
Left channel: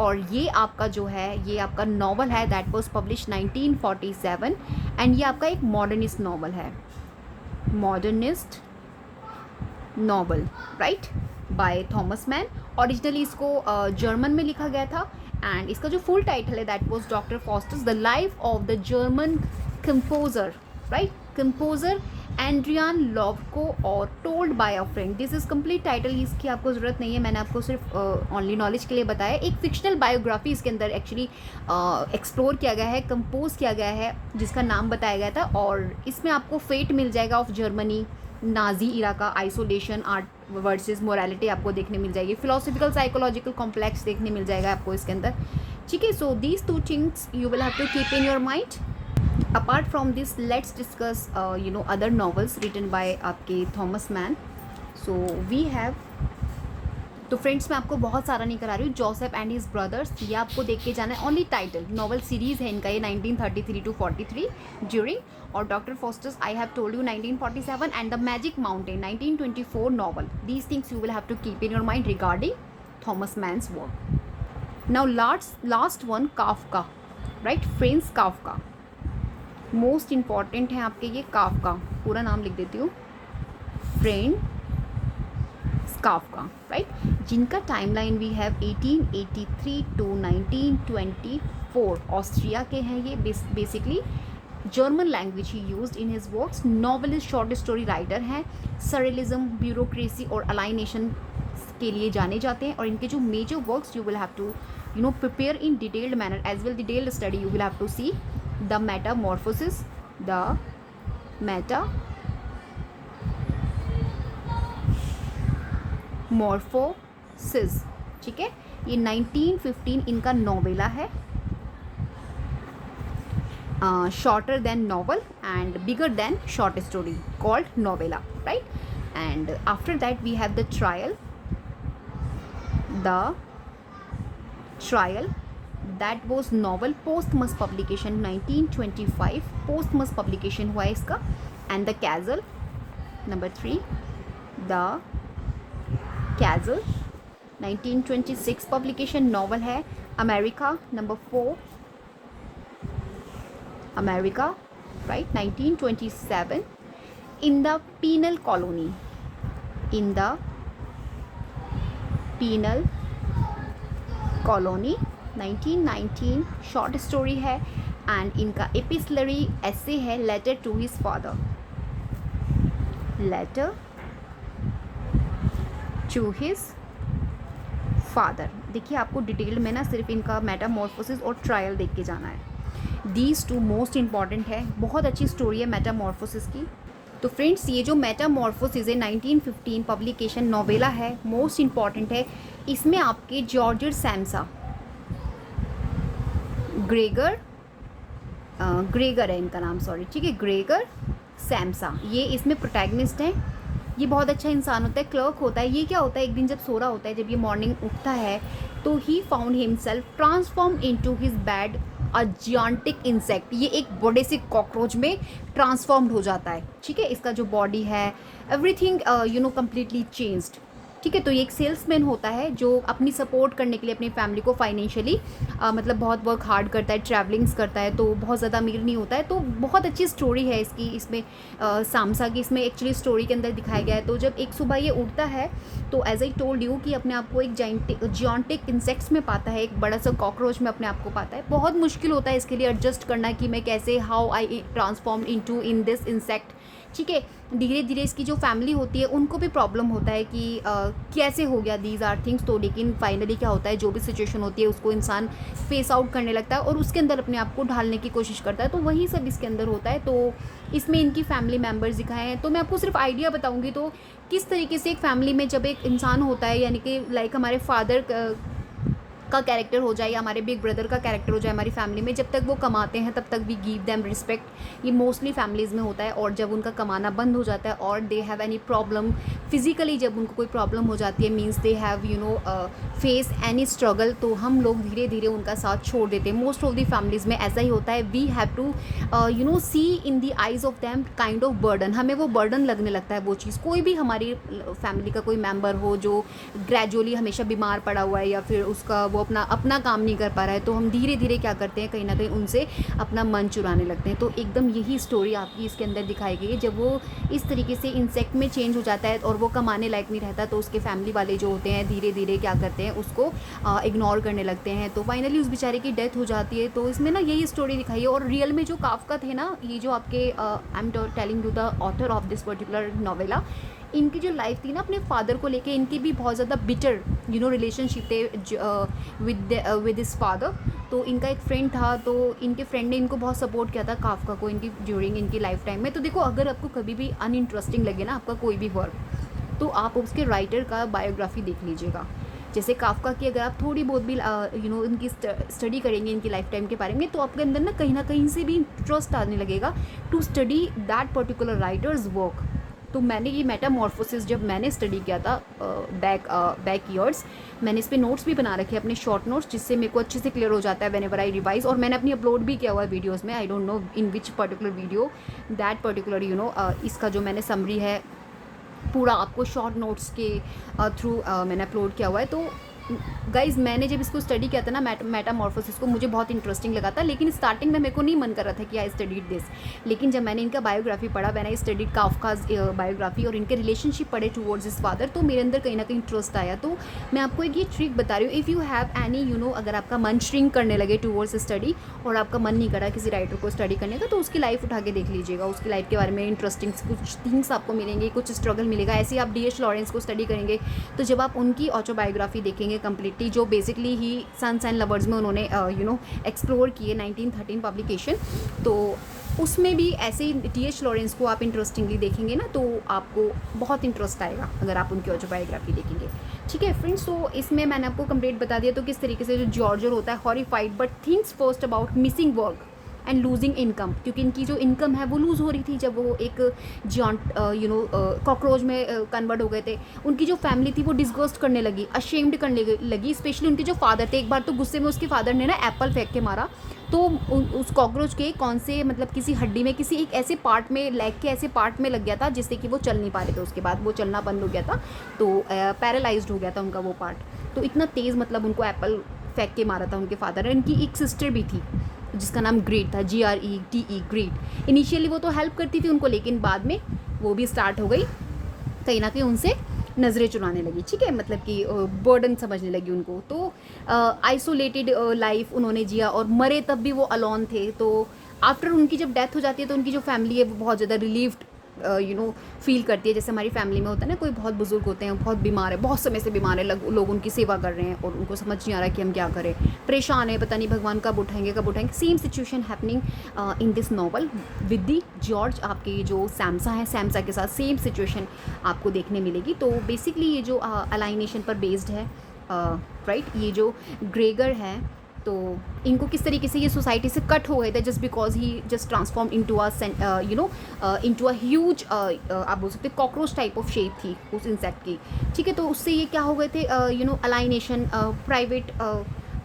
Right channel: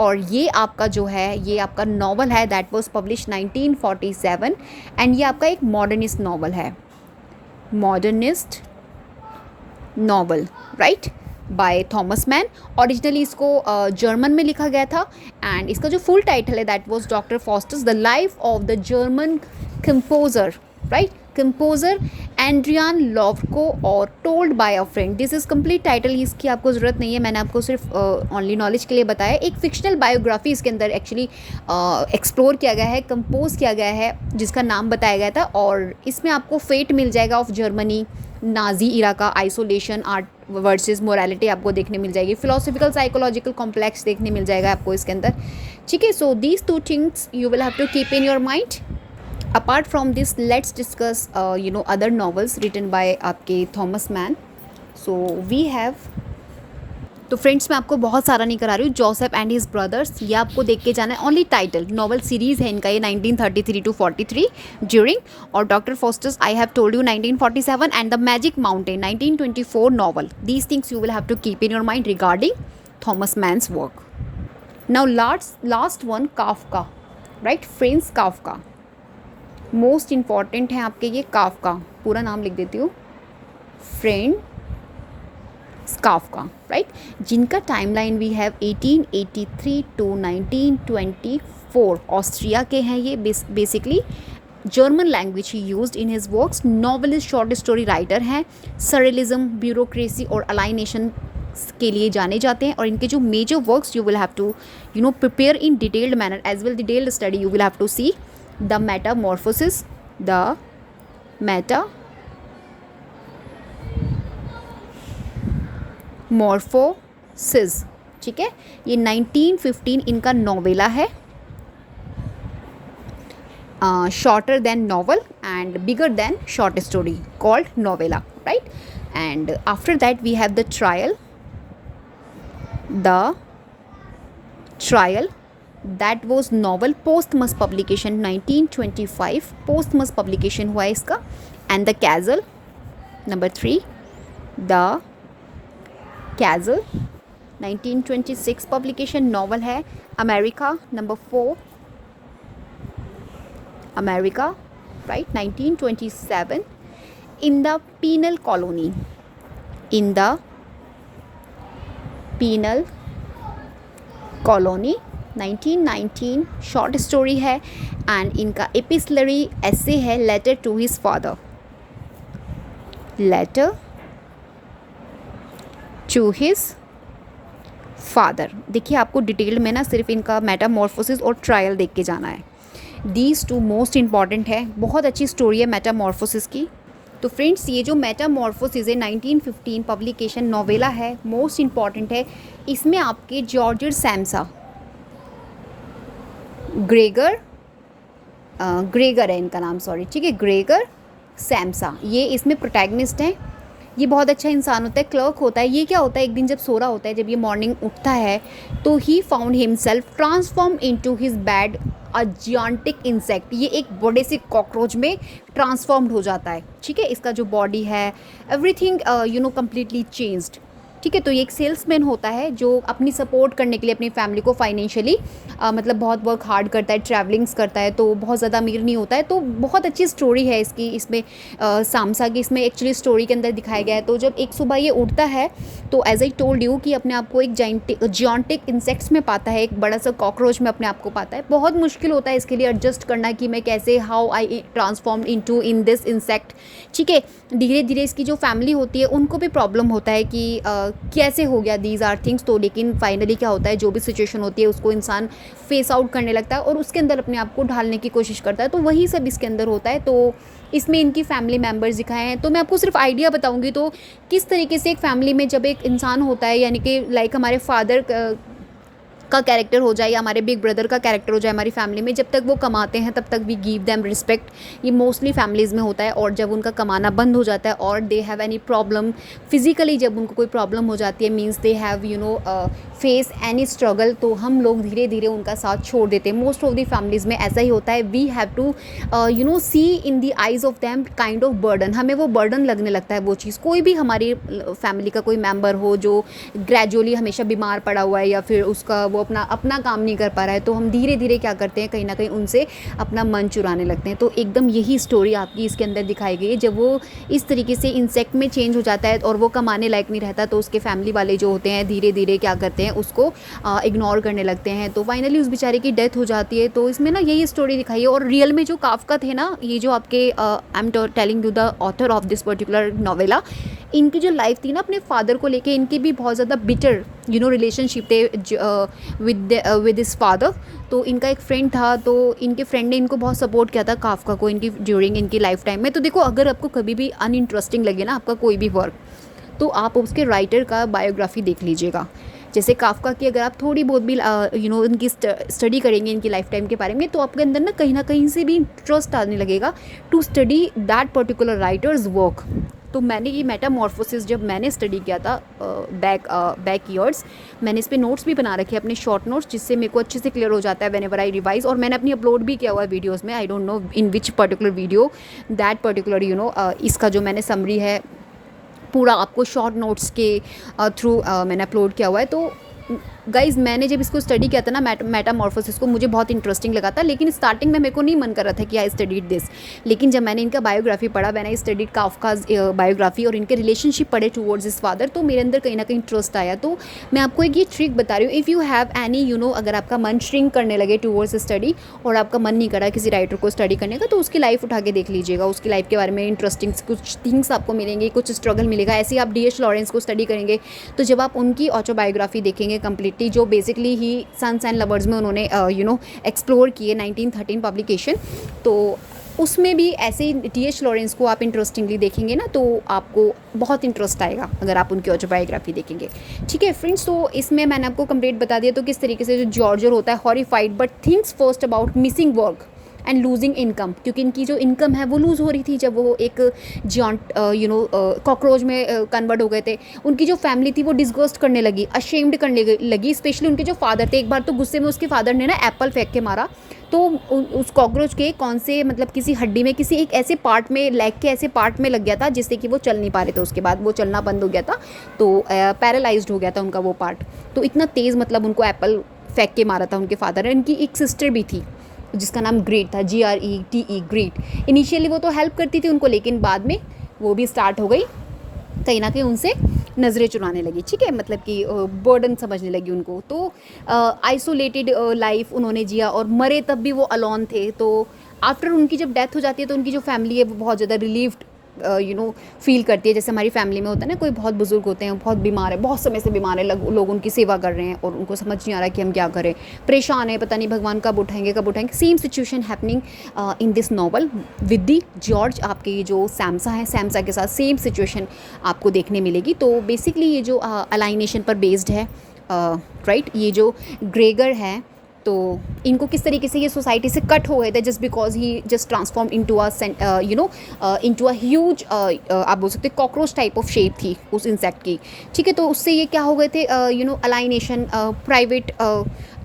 और ये आपका जो है, ये आपका नॉवल है दैट वाज पब्लिश 1947 एंड ये आपका एक modernist novel, right, by Thomas Mann. Originally इसको जर्मन में लिखा गया था एंड इसका जो फुल टाइटल है that was doctor Faustus the life of the German composer, right, composer Adrian Leverkuhn और told by a friend. This is complete title, इसकी आपको ज़रूरत नहीं है, मैंने आपको सिर्फ ओनली नॉलेज के लिए बताया. एक फिक्शनल बायोग्राफी इसके अंदर एक्चुअली एक्सप्लोर किया गया है, कंपोज किया गया है, जिसका नाम बताया गया था. और इसमें आपको फेट मिल जाएगा ऑफ जर्मनी, नाजी इरा का आइसोलेशन, आर्ट वर्सेस मोरालिटी आपको देखने मिल जाएगी, फिलोसॉफिकल साइकोलॉजिकल कॉम्प्लेक्स देखने मिल जाएगा आपको इसके अंदर, ठीक है. So these two things you will have to keep in your mind. Apart from this let's discuss you know other novels written by आपके Thomas Mann. So we have, तो friends मैं आपको बहुत सारा नहीं करा रही हूँ. जोसेफ एंड हिज ब्रदर्स, ये आपको देख के जाना है. ओनली टाइटल नॉवल सीरीज़ है इनका, ये 1933 to 43 ड्यूरिंग. और doctor Faustus I have told you 1947 and the magic mountain 1924 novel. These things you will have to keep in your mind regarding Thomas Mann's work. Now last one, Kafka, right, friends Kafka. Most important है आपके ये Kafka, पूरा नाम लिख देती हूँ, Franz Kafka, right, जिनका timeline we have 1883 to 1924. Austria के हैं ये, बेसिकली जर्मन लैंग्वेज ही used in his works. Novelist, short story writer हैं. सरेलिज्म, ब्यूरोक्रेसी और अलाइनेशन के लिए जाने जाते हैं. और इनके जो major works you will have to you know prepare in detailed manner as well, detailed study you will have to see. The metamorphosis, ठीक है, ये 1915 इनका नॉवेला है. Shorter than novel and bigger than short story called novella, right. And after that we have the trial that was novel posthumous publication 1925, posthumous publication हुआ है इसका. And the castle number 3, the कैजल 1926 publication novel है. America number 4, America, right, 1927. In the penal colony, in the penal colony 1919 short story है. And इनका epistolary essay है, letter to his father, letter to his father. देखिए आपको detail में ना सिर्फ इनका मेटामॉर्फोसिस और ट्रायल देख के जाना है. दीज टू मोस्ट इम्पॉर्टेंट है, बहुत अच्छी स्टोरी है मेटामॉर्फोसिस की. तो फ्रेंड्स ये जो मेटामॉर्फोसिस है 1915 पब्लिकेशन नोवेला है, मोस्ट इम्पॉर्टेंट है. इसमें आपके जॉर्ज सैम्सा, ग्रेगर है इनका नाम, सॉरी, ठीक है, ग्रेगर सैम्सा, ये इसमें प्रोटैगनिस्ट हैं. ये बहुत अच्छा इंसान होता है, क्लर्क होता है. ये क्या होता है, एक दिन जब सो रहा होता है, जब ये मॉर्निंग उठता है तो ही found himself transform into his bed a gigantic insect. ये एक बड़े से कॉकरोच में ट्रांसफॉर्म्ड हो जाता है, ठीक है. इसका जो बॉडी है everything you know completely changed, ठीक है. तो ये एक सेल्समैन होता है जो अपनी सपोर्ट करने के लिए अपनी फैमिली को फाइनेंशियली मतलब बहुत वर्क हार्ड करता है, ट्रैवलिंग्स करता है, तो बहुत ज़्यादा अमीर नहीं होता है. तो बहुत अच्छी स्टोरी है इसकी, इसमें सामसा की इसमें एक्चुअली स्टोरी के अंदर दिखाया गया है. तो जब एक सुबह ये उठता है तो एज आई टोल्ड यू कि अपने आप को एक जियांटिक इंसेक्ट्स में पाता है, एक बड़ा सा कॉकरोच में अपने आप को पाता है. बहुत मुश्किल होता है इसके लिए एडजस्ट करना कि मैं कैसे, how I transform in this insect, ठीक है. धीरे धीरे इसकी जो फैमिली होती है उनको भी प्रॉब्लम होता है कि कैसे हो गया दीज आर थिंग्स। तो लेकिन फाइनली क्या होता है, जो भी सिचुएशन होती है उसको इंसान फेस आउट करने लगता है और उसके अंदर अपने आप को ढालने की कोशिश करता है। तो वही सब इसके अंदर होता है। तो इसमें इनकी फैमिली मेम्बर्स दिखाए हैं। तो मैं आपको सिर्फ आइडिया बताऊंगी, तो किस तरीके से एक फैमिली में जब एक इंसान होता है, यानी कि लाइक हमारे फादर का कैरेक्टर हो जाए या हमारे बिग ब्रदर का कैरेक्टर हो जाए हमारी फैमिली में, जब तक वो कमाते हैं तब तक वी गिव देम रिस्पेक्ट। ये मोस्टली फैमिलीज़ में होता है। और जब उनका कमाना बंद हो जाता है और they have any problem physically, जब उनको कोई प्रॉब्लम हो जाती है, means they have face any struggle, तो हम लोग धीरे धीरे उनका साथ छोड़ देते हैं। मोस्ट ऑफ द फैमिलीज़ में ऐसा ही होता है। We have to see in the eyes of them kind of burden. हमें वो बर्डन लगने लगता है वो चीज़। कोई भी हमारी फैमिली का कोई मेम्बर हो जो ग्रेजुअली हमेशा बीमार पड़ा हुआ है या फिर उसका वो अपना काम नहीं कर पा रहा है, तो हम धीरे धीरे क्या करते हैं, कहीं ना कहीं उनसे अपना मन चुराने लगते हैं। तो एकदम यही स्टोरी आपकी इसके अंदर दिखाई गई है। जब वो इस तरीके से इंसेक्ट में चेंज हो जाता है और वो कमाने लायक नहीं रहता, तो उसके फैमिली वाले जो होते हैं धीरे धीरे क्या करते हैं, उसको इग्नोर करने लगते हैं। तो फाइनली उस बेचारे की डेथ हो जाती है। तो इसमें ना यही स्टोरी दिखाई है। और रियल में जो काफका थे ना, ये जो आपके आई am telling you the author of this particular novella, इनकी जो लाइफ थी ना अपने फादर को लेके, इनकी भी बहुत ज़्यादा बिटर रिलेशनशिप थे विद हिज फादर। तो इनका एक फ्रेंड था, तो इनके फ्रेंड ने इनको बहुत सपोर्ट किया था काफका को इनकी ड्यूरिंग इनकी लाइफ टाइम में। तो देखो, अगर आपको कभी भी अनइंटरेस्टिंग लगे ना आपका कोई भी वर्क, तो आप उसके राइटर का बायोग्राफी देख लीजिएगा। जैसे काफका की अगर आप थोड़ी बहुत भी इनकी स्टडी करेंगे इनकी लाइफ टाइम के बारे में, तो आपके अंदर ना कहीं से भी इंटरेस्ट आने लगेगा to study that particular writers work. तो मैंने ये मेटामॉर्फोसिस जब मैंने स्टडी किया था बैक ईयर्स, मैंने इस पर नोट्स भी बना रखे अपने शॉर्ट नोट्स, जिससे मेरे को अच्छे से क्लियर हो जाता है व्हेनेवर आई रिवाइज। और मैंने अपनी अपलोड भी किया हुआ है वीडियोस में। I don't know in which particular video that particular इसका जो मैंने समरी है पूरा आपको शॉर्ट नोट्स के थ्रू मैंने अपलोड किया हुआ है। तो गाइज़, मैंने जब इसको स्टडी किया था ना मेटामॉर्फोसिस को, मुझे बहुत इंटरेस्टिंग लगा था। लेकिन स्टार्टिंग में मेरे को नहीं मन कर रहा था कि आई स्टडीड दिस। लेकिन जब मैंने इनका बायोग्राफी पढ़ा, मैंने स्टडीड काफकाज बायोग्राफी और इनके रिलेशनशिप पढ़े टूवर्ड्स हिज फादर, तो मेरे अंदर कहीं ना कहीं इंटरेस्ट आया। तो मैं आपको एक ये ट्रिक बता रही हूँ। इफ़ यू हैव एनी अगर आपका मन श्रिंक करने लगे टूवर्ड्स स्टडी और आपका मन नहीं करा किसी राइटर को स्टडी करने का, तो उसकी लाइफ उठा के देख लीजिएगा। उसकी लाइफ के बारे में इंटरेस्टिंग कुछ थिंग्स आपको मिलेंगे, कुछ स्ट्रगल मिलेगा। ऐसे ही आप D.H. लॉरेंस को स्टडी करेंगे, तो जब आप उनकी ऑटोबायोग्राफी देखेंगे कम्प्लीटली, जो बेसिकली ही सन्स एंड लवर्स में उन्होंने एक्सप्लोर किए 1913 पब्लिकेशन, तो उसमें भी ऐसे ही D.H. लॉरेंस को आप इंटरेस्टिंगली देखेंगे ना, तो आपको बहुत इंटरेस्ट आएगा अगर आप उनकी ऑटोबायोग्राफी देखेंगे। ठीक है फ्रेंड्स, तो इसमें मैंने आपको कंप्लीट बता दिया तो किस तरीके से जो जॉर्जर होता है horrified but thinks first about missing work and losing income, क्योंकि इनकी जो इनकम है वो लूज़ हो रही थी जब वो एक जॉन्ट कॉकरोच में कन्वर्ट हो गए थे। उनकी जो फैमिली थी वो डिस्गस्ट करने लगी, अशेम्ड करने लगी। स्पेशली उनके जो फादर थे, एक बार तो गुस्से में उसके फादर ने ना एप्पल फेंक के मारा, तो उस कॉकरोच के कौन से किसी हड्डी में, किसी एक ऐसे पार्ट में, लेग के ऐसे पार्ट में लग गया था जिससे कि वो चल नहीं पा रहे थे। उसके बाद वो चलना बंद हो गया था, तो पैरालाइज्ड हो गया था उनका वो पार्ट। तो इतना तेज़ उनको एप्पल फेंक के मारा था उनके फादर ने। उनकी एक सिस्टर भी थी जिसका नाम ग्रेट था, GRETE, ग्रेट। इनिशियली वो तो हेल्प करती थी उनको, लेकिन बाद में वो भी स्टार्ट हो गई कहीं ना कहीं उनसे नज़रें चुराने लगी। ठीक है, कि बर्डन समझने लगी उनको। तो आइसोलेटेड लाइफ उन्होंने जिया और मरे तब भी वो अलोन थे। तो आफ्टर उनकी जब डेथ हो जाती है तो उनकी जो फैमिली है वो बहुत ज़्यादा रिलीव्ड फील करती है। जैसे हमारी फैमिली में होता है ना, कोई बहुत बुजुर्ग होते हैं, बहुत बीमार है, बहुत समय से बीमार है, लोग उनकी सेवा कर रहे हैं और उनको समझ नहीं आ रहा कि हम क्या करें, परेशान है, पता नहीं भगवान कब उठाएंगे। Same situation happening in this novel with the George. आपके जो सैमसा है, सैमसा के साथ सेम सिचुएशन आपको देखने मिलेगी। तो बेसिकली ये जो अलाइनेशन पर बेस्ड है, राइट। ये जो ग्रेगर है, तो इनको किस तरीके से ये सोसाइटी से कट हो गए थे just because he just transform into a huge, आप बोल सकते कॉकरोच टाइप ऑफ शेप थी उस इंसेक्ट की। ठीक है, तो उससे ये क्या हो गए थे, अलाइनेशन, प्राइवेट,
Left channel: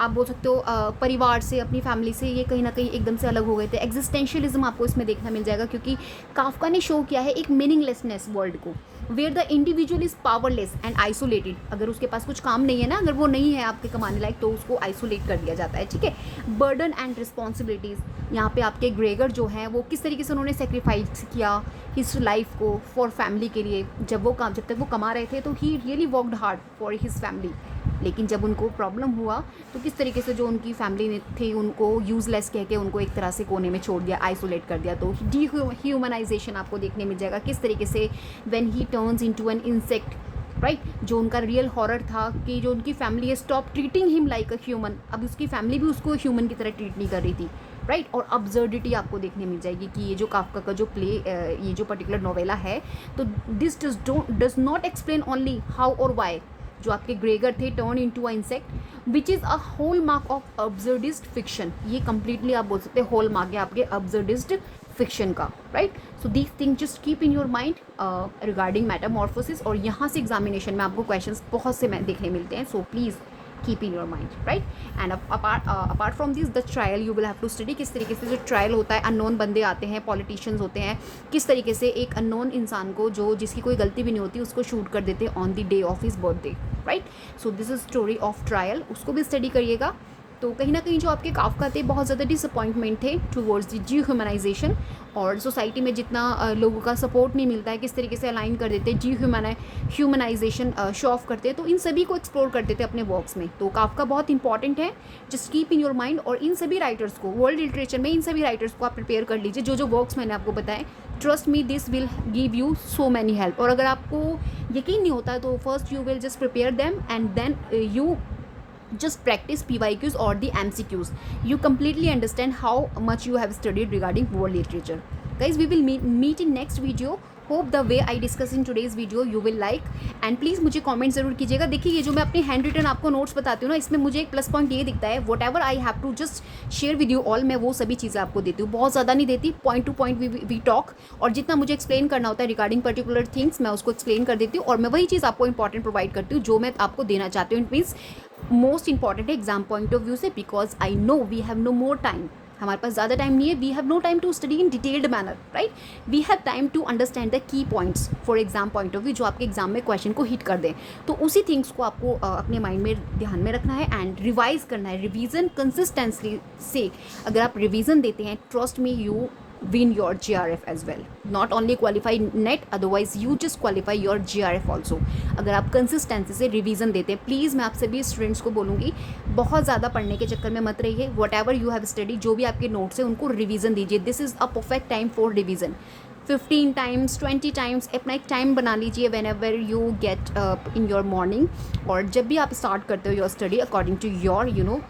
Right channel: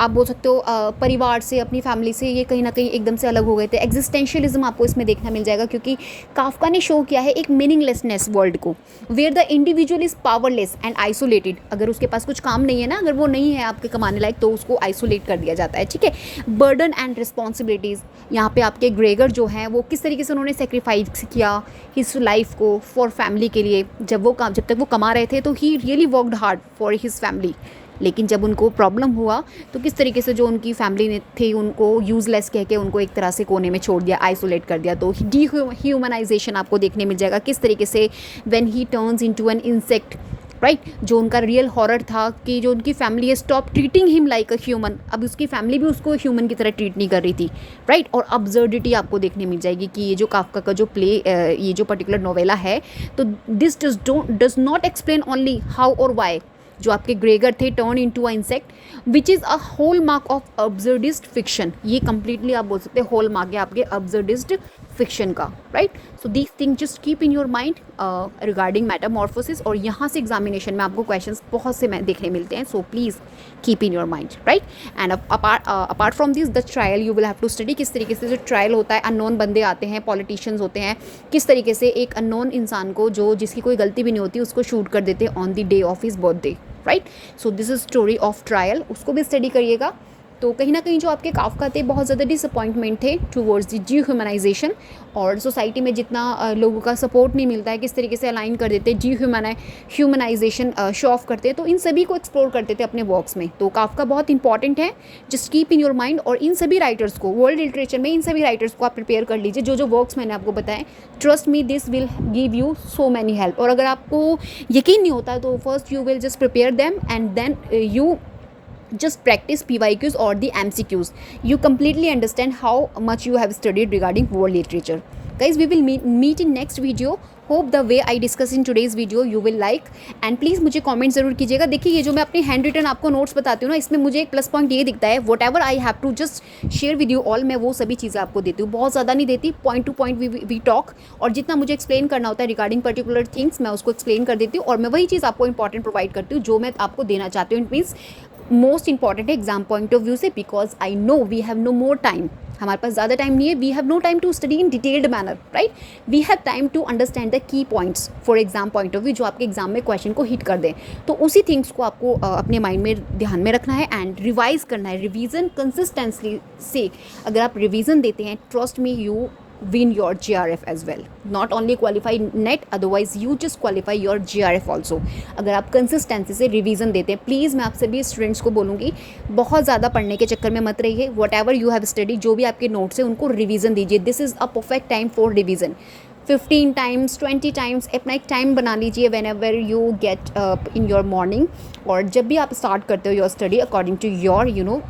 आप बोल सकते हो परिवार से, अपनी फैमिली से ये कहीं ना कहीं एकदम से अलग हो गए थे। एग्जिस्टेंशियलिज्म आपको इसमें देखना मिल जाएगा, क्योंकि काफका ने शो किया है एक मीनिंगलेसनेस वर्ल्ड को, where the individual is powerless and isolated. अगर उसके पास कुछ काम नहीं है ना, अगर वो नहीं है आपके कमाने लायक, तो उसको आइसोलेट कर दिया जाता है। ठीक है, बर्डन एंड रिस्पॉन्सिबिलिटीज़, यहाँ पे आपके ग्रेगर जो हैं वो किस तरीके से उन्होंने सेक्रीफाइस किया हिज लाइफ को फॉर फैमिली के लिए। जब तक वो कमा रहे थे तो he really worked hard for his family, लेकिन जब उनको प्रॉब्लम हुआ तो किस तरीके से जो उनकी फैमिली थी उनको यूज़लेस कह के उनको एक तरह से कोने में छोड़ दिया, आइसोलेट कर दिया। तो ह्यूमनाइजेशन आपको देखने मिल जाएगा किस तरीके से when he turns into an insect right जो उनका रियल हॉरर था कि जो उनकी फैमिली है stop treating him like a human, अब उसकी फैमिली भी उसको ह्यूमन की तरह ट्रीट नहीं कर रही थी, राइट। और अब्सर्डिटी आपको देखने मिल जाएगी कि ये जो काफका का जो प्ले ये जो पर्टिकुलर नोवेला है, तो this does not explain only how और वाई जो आपके ग्रेगर थे turn into a insect which is a hallmark of absurdist fiction. ये कंप्लीटली आप बोल सकते हैं होल मार्क है आपके अब्सर्डिस्ट फिक्शन का, right. So these thing just keep in your mind regarding metamorphosis, और यहाँ से एग्जामिनेशन में आपको क्वेश्चंस बहुत से देखने मिलते हैं, so please keep in your mind, right. And apart from this the trial you will have to study, किस तरीके से जो ट्रायल होता है, अननोन बंदे आते हैं, पॉलिटिशियंस होते हैं, किस तरीके से एक अननोन इंसान को जो जिसकी कोई गलती भी नहीं होती उसको शूट कर देते हैं on the day of his birthday, right. So this is story of trial, उसको भी स्टडी करिएगा। तो कहीं ना कहीं जो आपके काफका थे बहुत ज़्यादा डिसअपॉइंटमेंट थे टूवर्ड्स द ह्यूमनाइजेशन, और सोसाइटी में जितना लोगों का सपोर्ट नहीं मिलता है, किस तरीके से अलाइन कर देते ह्यूमनाइजेशन शो ऑफ करते हैं, तो इन सभी को एक्सप्लोर करते थे अपने वर्क्स में। तो काफका बहुत इंपॉर्टेंट है, just keep in your mind. और इन सभी राइटर्स को, वर्ल्ड लिटरेचर में इन सभी राइटर्स को आप प्रिपेयर कर लीजिए, जो जो वर्क्स मैंने आपको बताएं। Trust me this will give you so many help. और अगर आपको यकीन नहीं होता तो first you will just prepare them and then you just practice PYQs or the MCQs. You completely understand how much you have studied regarding world literature. Guys, we will meet in next video. Hope the way I discuss in today's video you will like, and please मुझे comment ज़रूर कीजिएगा। देखिए ये जो मैं अपने hand written आपको notes बताती हूँ ना, इसमें मुझे एक प्लस पॉइंट ये दिखता है, whatever I have to just share with you all, मैं वो सभी चीज़ें आपको देती हूँ, बहुत ज़्यादा नहीं देती, point to point we talk, और जितना मुझे एक्सप्लेन करना होता है रिगार्डिंग पर्टिकुलर थिंग्स मैं उसको एक्सप्लेन कर देती हूँ, और मैं वही चीज़ आपको इंपॉर्टेंट प्रोवाइड करती हूँ जो मैं आपको देना चाहती हूँ। इट मीन्स मोस्ट इंपॉर्टेंट है एग्जाम पॉइंट ऑफ व्यू से, because I know we have no more time, हमारे पास ज़्यादा टाइम नहीं है, we have no time to study in detailed manner, right. We have time to understand the key points for exam point of view, जो आपके exam में question को hit कर दें। तो उसी थिंग्स को आपको अपने माइंड में ध्यान में रखना है एंड रिवाइज करना है। रिवीजन कंसिस्टेंसली से अगर आप रिवीजन देते हैं, trust me you win your GRF as well. Not only qualify NET, otherwise you just qualify your GRF also. अगर आप कंसिस्टेंसी से रिवीजन देते हैं, प्लीज़ मैं आप सभी स्टूडेंट्स को बोलूँगी बहुत ज़्यादा पढ़ने के चक्कर में मत रहिए। Whatever you have study, जो भी आपके नोट्स हैं उनको रिवीजन दीजिए। This is a perfect time for revision. 15 times 20 times अपना एक टाइम बना लीजिए whenever you get in your morning, और जब भी आप स्टार्ट करते हो your study according to your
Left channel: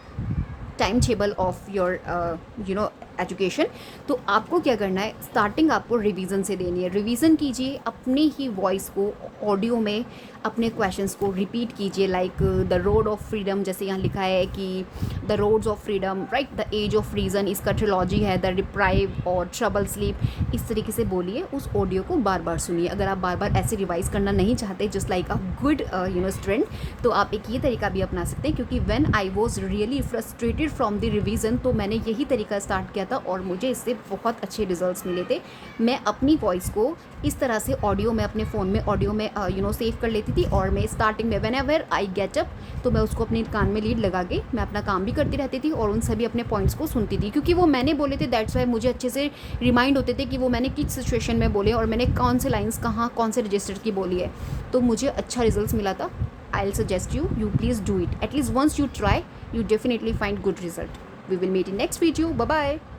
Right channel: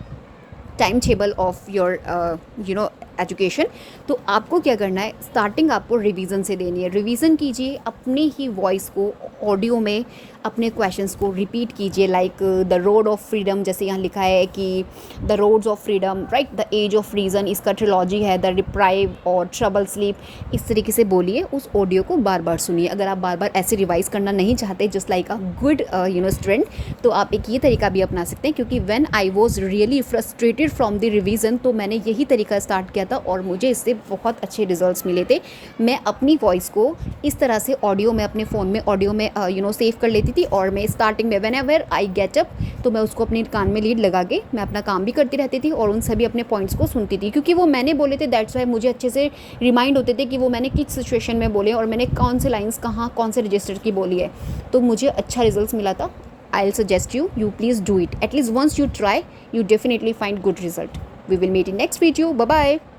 time table of your education. तो आपको क्या करना है, स्टार्टिंग आपको रिवीजन से देनी है। रिवीजन कीजिए, अपने ही वॉइस को ऑडियो में अपने क्वेश्चंस को रिपीट कीजिए, like the road of freedom, जैसे यहाँ लिखा है कि the roads of freedom, right, the age of reason, इसका ट्रिलॉजी है, द रिप्राइव और ट्रबल स्लीप, इस तरीके से बोलिए। उस ऑडियो को बार बार सुनिए। अगर आप बार बार ऐसे रिवाइज करना नहीं चाहते, just like a good student, तो आप एक ये तरीका भी अपना सकते हैं, क्योंकि when I was really frustrated from the revision, तो मैंने यही तरीका स्टार्ट किया था और मुझे इससे बहुत अच्छे रिजल्ट्स मिले थे। मैं अपनी वॉइस को इस तरह से ऑडियो में अपने फ़ोन में ऑडियो में सेव कर लेती थी, और मैं स्टार्टिंग में when ever I get up, तो मैं उसको अपने कान में लीड लगा के मैं अपना काम भी करती रहती थी और उन सभी अपने पॉइंट्स को सुनती थी, क्योंकि वो मैंने बोले थे। दैट्स वाई मुझे अच्छे से रिमाइंड होते थे कि वो मैंने किस सिचुएशन में बोले और मैंने कौन से लाइन्स कहाँ कौन से रजिस्टर की बोली है, तो मुझे अच्छा रिजल्ट मिला था। I will suggest you please do it, at least once you try, you definitely find good result. We will meet in next video. Bye bye.